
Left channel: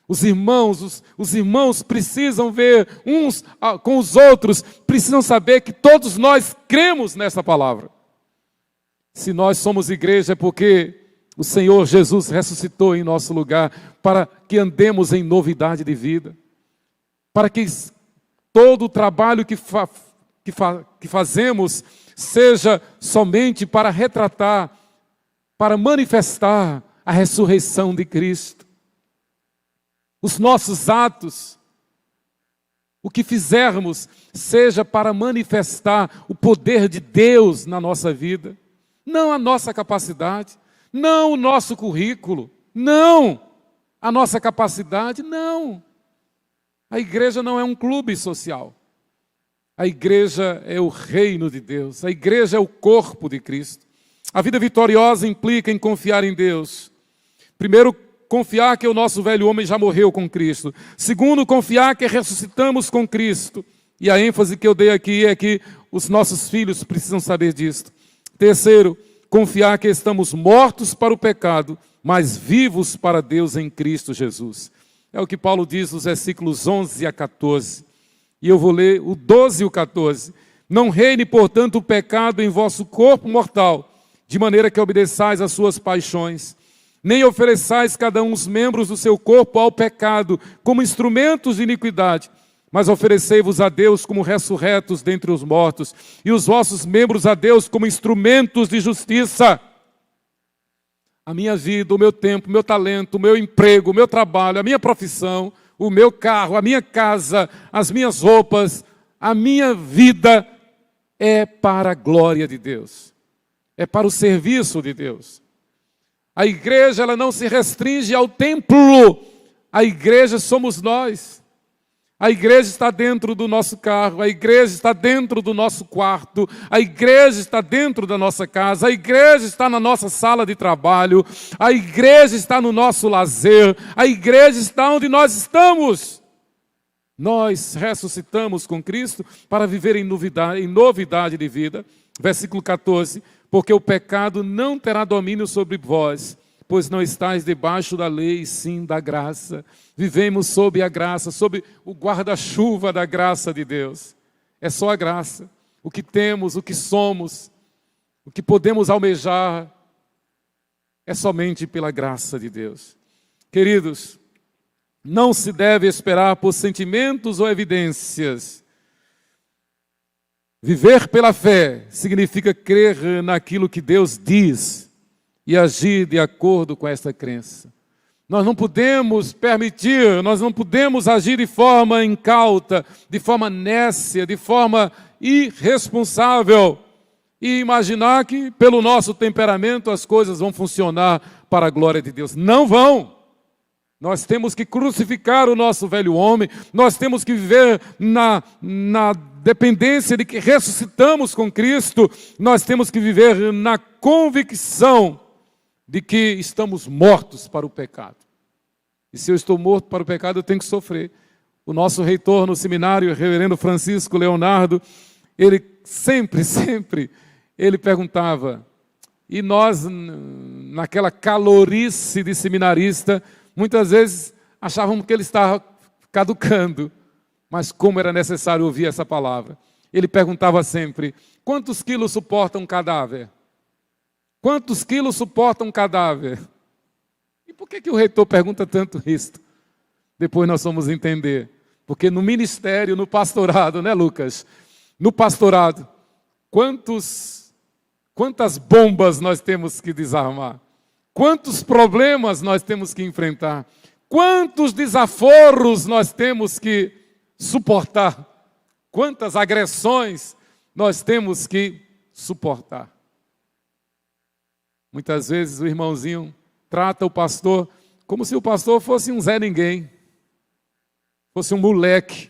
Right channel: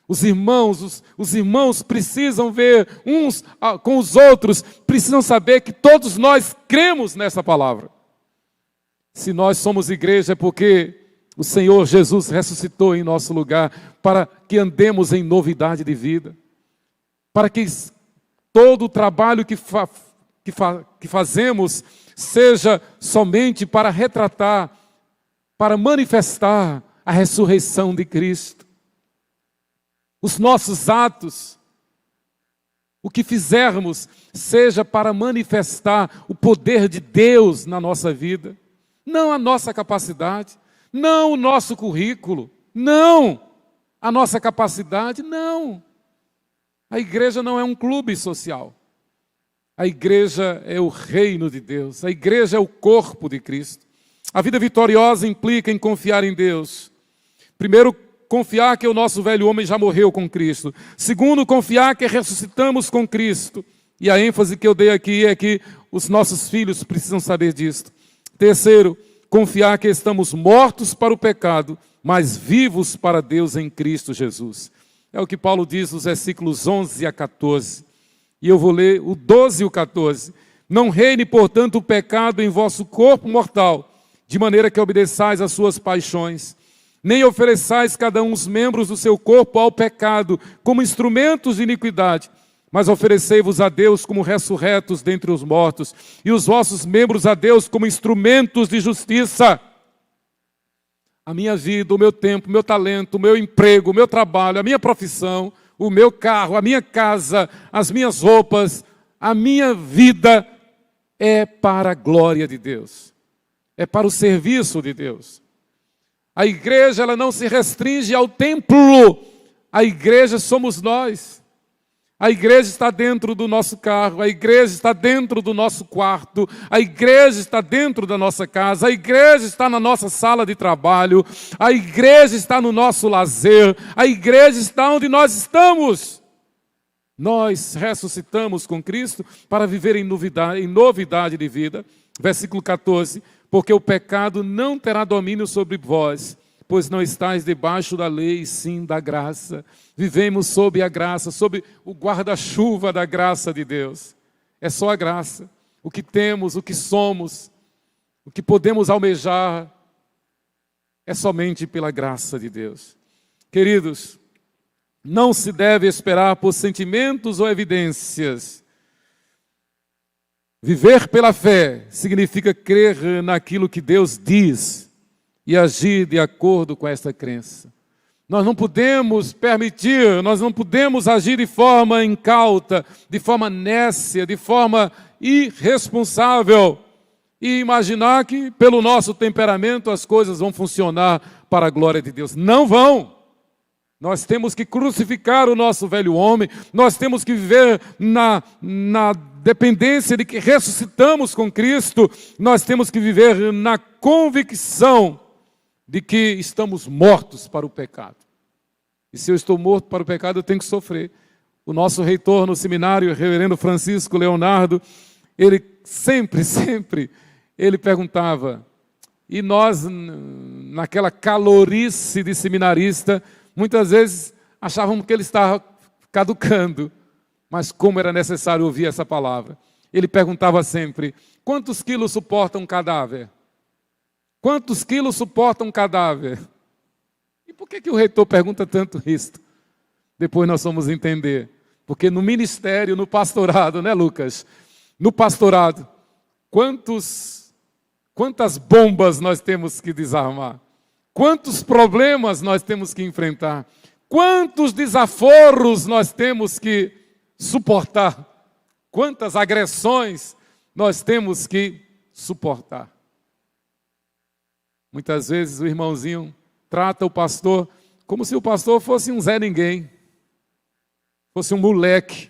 Os irmãos precisam ver uns com os outros, precisam saber que todos nós cremos nessa palavra. Se nós somos igreja é porque o Senhor Jesus ressuscitou em nosso lugar para que andemos em novidade de vida, para que todo o trabalho que fazemos seja somente para retratar, para manifestar a ressurreição de Cristo. Os nossos atos, o que fizermos, seja para manifestar o poder de Deus na nossa vida, não a nossa capacidade, não o nosso currículo, não a nossa capacidade, não. A igreja não é um clube social. A igreja é o reino de Deus. A igreja é o corpo de Cristo. A vida vitoriosa implica em confiar em Deus. Primeiro, confiar que o nosso velho homem já morreu com Cristo. Segundo, confiar que ressuscitamos com Cristo. E a ênfase que eu dei aqui é que os nossos filhos precisam saber disto. Terceiro, confiar que estamos mortos para o pecado, mas vivos para Deus em Cristo Jesus. É o que Paulo diz nos versículos 11 a 14. E eu vou ler o 12 e o 14. Não reine, portanto, o pecado em vosso corpo mortal, de maneira que obedeçais às suas paixões. Nem ofereçais cada um os membros do seu corpo ao pecado, como instrumentos de iniquidade, mas oferecei-vos a Deus como ressurretos dentre os mortos, e os vossos membros a Deus como instrumentos de justiça. A minha vida, o meu tempo, o meu talento, o meu emprego, o meu trabalho, a minha profissão, o meu carro, a minha casa, as minhas roupas, a minha vida é para a glória de Deus, é para o serviço de Deus. A igreja, ela não se restringe ao templo, a igreja somos nós. A igreja está dentro do nosso carro, a igreja está dentro do nosso quarto, a igreja está dentro da nossa casa, a igreja está na nossa sala de trabalho, a igreja está no nosso lazer, a igreja está onde nós estamos. Nós ressuscitamos com Cristo para viver em novidade de vida. Versículo 14, porque o pecado não terá domínio sobre vós, pois não estáis debaixo da lei, sim da graça. Vivemos sob a graça, sob o guarda-chuva da graça de Deus. É só a graça. O que temos, o que somos, o que podemos almejar, é somente pela graça de Deus. Queridos, não se deve esperar por sentimentos ou evidências. Viver pela fé significa crer naquilo que Deus diz e agir de acordo com essa crença. Nós não podemos permitir, nós não podemos agir de forma incauta, de forma nécia, de forma irresponsável e imaginar que pelo nosso temperamento as coisas vão funcionar para a glória de Deus. Não vão. Nós temos que crucificar o nosso velho homem, nós temos que viver na dependência de que ressuscitamos com Cristo, nós temos que viver na convicção de que estamos mortos para o pecado. E se eu estou morto para o pecado, eu tenho que sofrer. O nosso reitor no seminário, o reverendo Francisco Leonardo, ele sempre, ele perguntava, e nós, naquela calorice de seminarista, muitas vezes achávamos que ele estava caducando, mas como era necessário ouvir essa palavra. Ele perguntava sempre, quantos quilos suporta um cadáver? Quantos quilos suporta um cadáver? E por que o reitor pergunta tanto isso? Depois nós vamos entender. Porque no ministério, no pastorado, né, Lucas? No pastorado, quantas bombas nós temos que desarmar? Quantos problemas nós temos que enfrentar? Quantos desaforos nós temos que suportar? Quantas agressões nós temos que suportar? Muitas vezes o irmãozinho trata o pastor como se o pastor fosse um Zé Ninguém, fosse um moleque.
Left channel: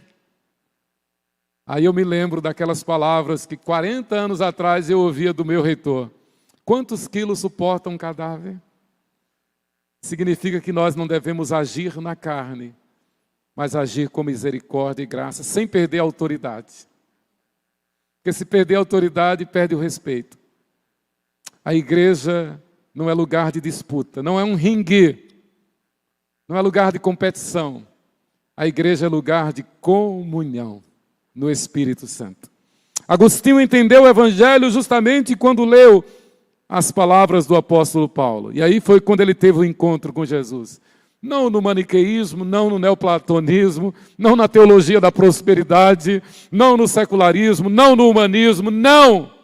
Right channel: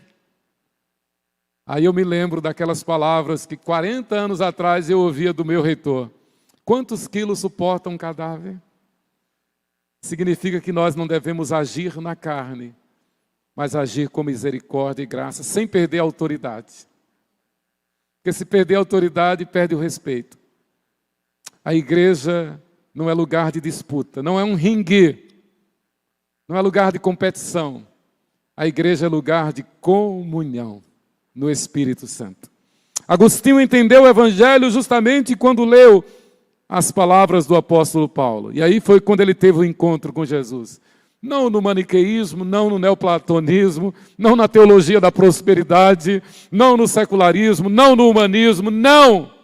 Aí eu me lembro daquelas palavras que 40 anos atrás eu ouvia do meu reitor. Quantos quilos suporta um cadáver? Significa que nós não devemos agir na carne, mas agir com misericórdia e graça, sem perder a autoridade. Porque se perder a autoridade, perde o respeito. A igreja não é lugar de disputa, não é um ringue, não é lugar de competição. A igreja é lugar de comunhão no Espírito Santo. Agostinho entendeu o Evangelho justamente quando leu as palavras do apóstolo Paulo. E aí foi quando ele teve o encontro com Jesus. Não no maniqueísmo, não no neoplatonismo, não na teologia da prosperidade, não no secularismo, não no humanismo, não!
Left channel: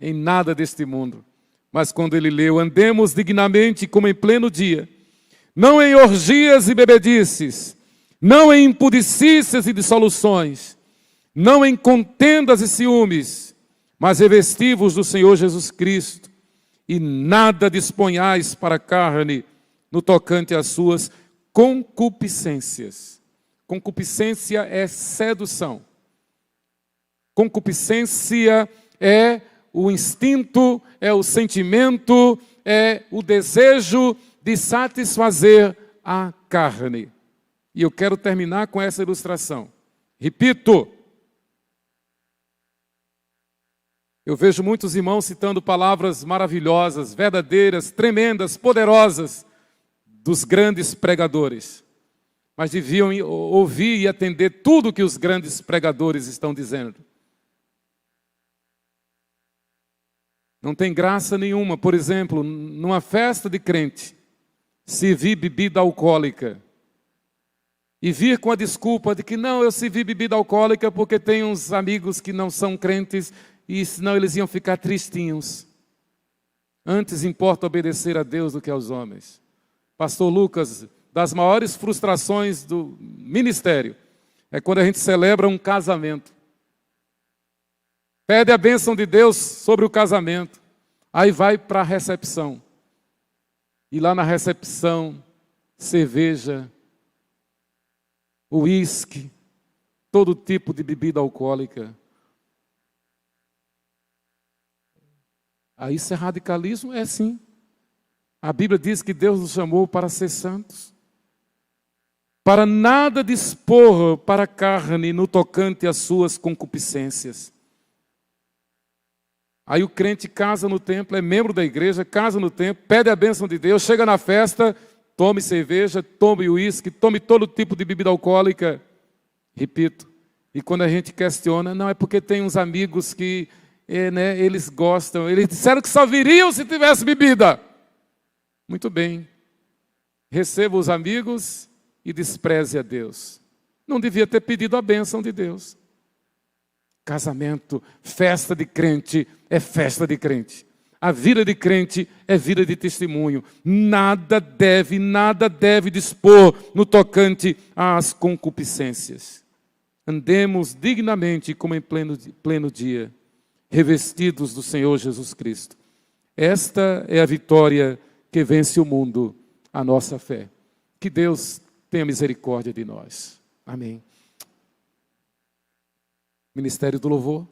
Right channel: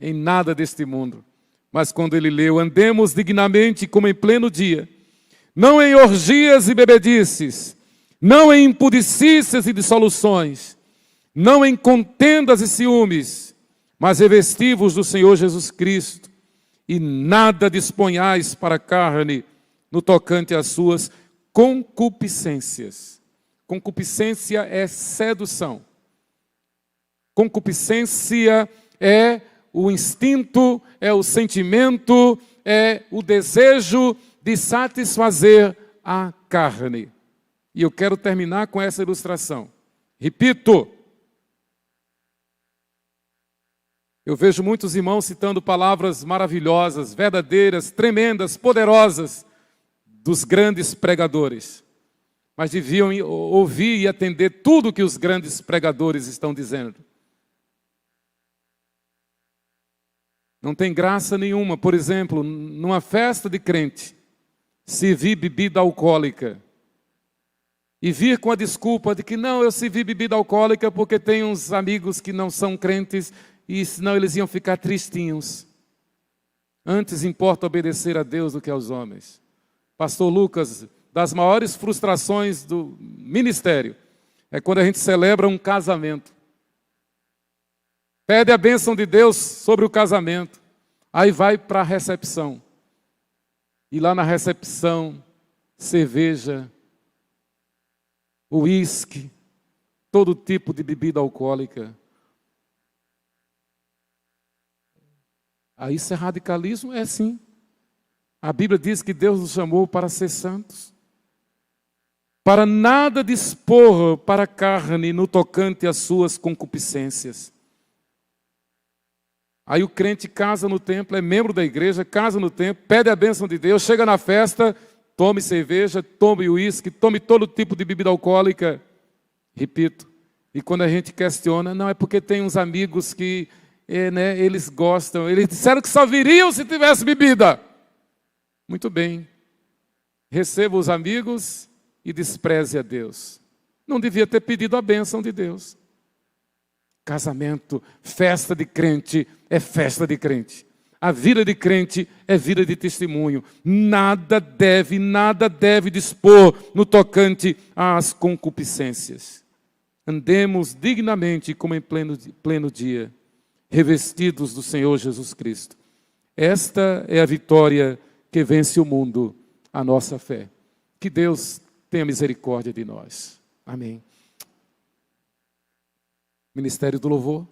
Em nada deste mundo. Mas quando ele leu, andemos dignamente como em pleno dia, não em orgias e bebedices, não em impudicícias e dissoluções, não em contendas e ciúmes, mas revesti-vos do Senhor Jesus Cristo, e nada disponhais para a carne no tocante às suas concupiscências. Concupiscência é sedução. Concupiscência é o instinto, é o sentimento, é o desejo de satisfazer a carne. E eu quero terminar com essa ilustração. Repito, eu vejo muitos irmãos citando palavras maravilhosas, verdadeiras, tremendas, poderosas, dos grandes pregadores. Mas deviam ouvir e atender tudo que os grandes pregadores estão dizendo. Não tem graça nenhuma, por exemplo, numa festa de crente, servir bebida alcoólica. E vir com a desculpa de que não, eu servi bebida alcoólica porque tem uns amigos que não são crentes e senão eles iam ficar tristinhos. Antes importa obedecer a Deus do que aos homens. Pastor Lucas, das maiores frustrações do ministério é quando a gente celebra um casamento. Pede a bênção de Deus sobre o casamento. Aí vai para a recepção. E lá na recepção, cerveja, uísque, todo tipo de bebida alcoólica. Aí isso é radicalismo? É sim. A Bíblia diz que Deus nos chamou para ser santos. Para nada dispor para a carne no tocante às suas concupiscências. Aí o crente casa no templo, é membro da igreja, casa no templo, pede a bênção de Deus, chega na festa, tome cerveja, tome uísque, tome todo tipo de bebida alcoólica. Repito, e quando a gente questiona, não é porque tem uns amigos que eles gostam, eles disseram que só viriam se tivesse bebida. Muito bem, receba os amigos e despreze a Deus. Não devia ter pedido a bênção de Deus. Casamento, festa de crente, é festa de crente. A vida de crente é vida de testemunho. Nada deve dispor no tocante às concupiscências. Andemos dignamente como em pleno dia, revestidos do Senhor Jesus Cristo. Esta é a vitória que vence o mundo, a nossa fé. Que Deus tenha misericórdia de nós. Amém. Ministério do Louvor.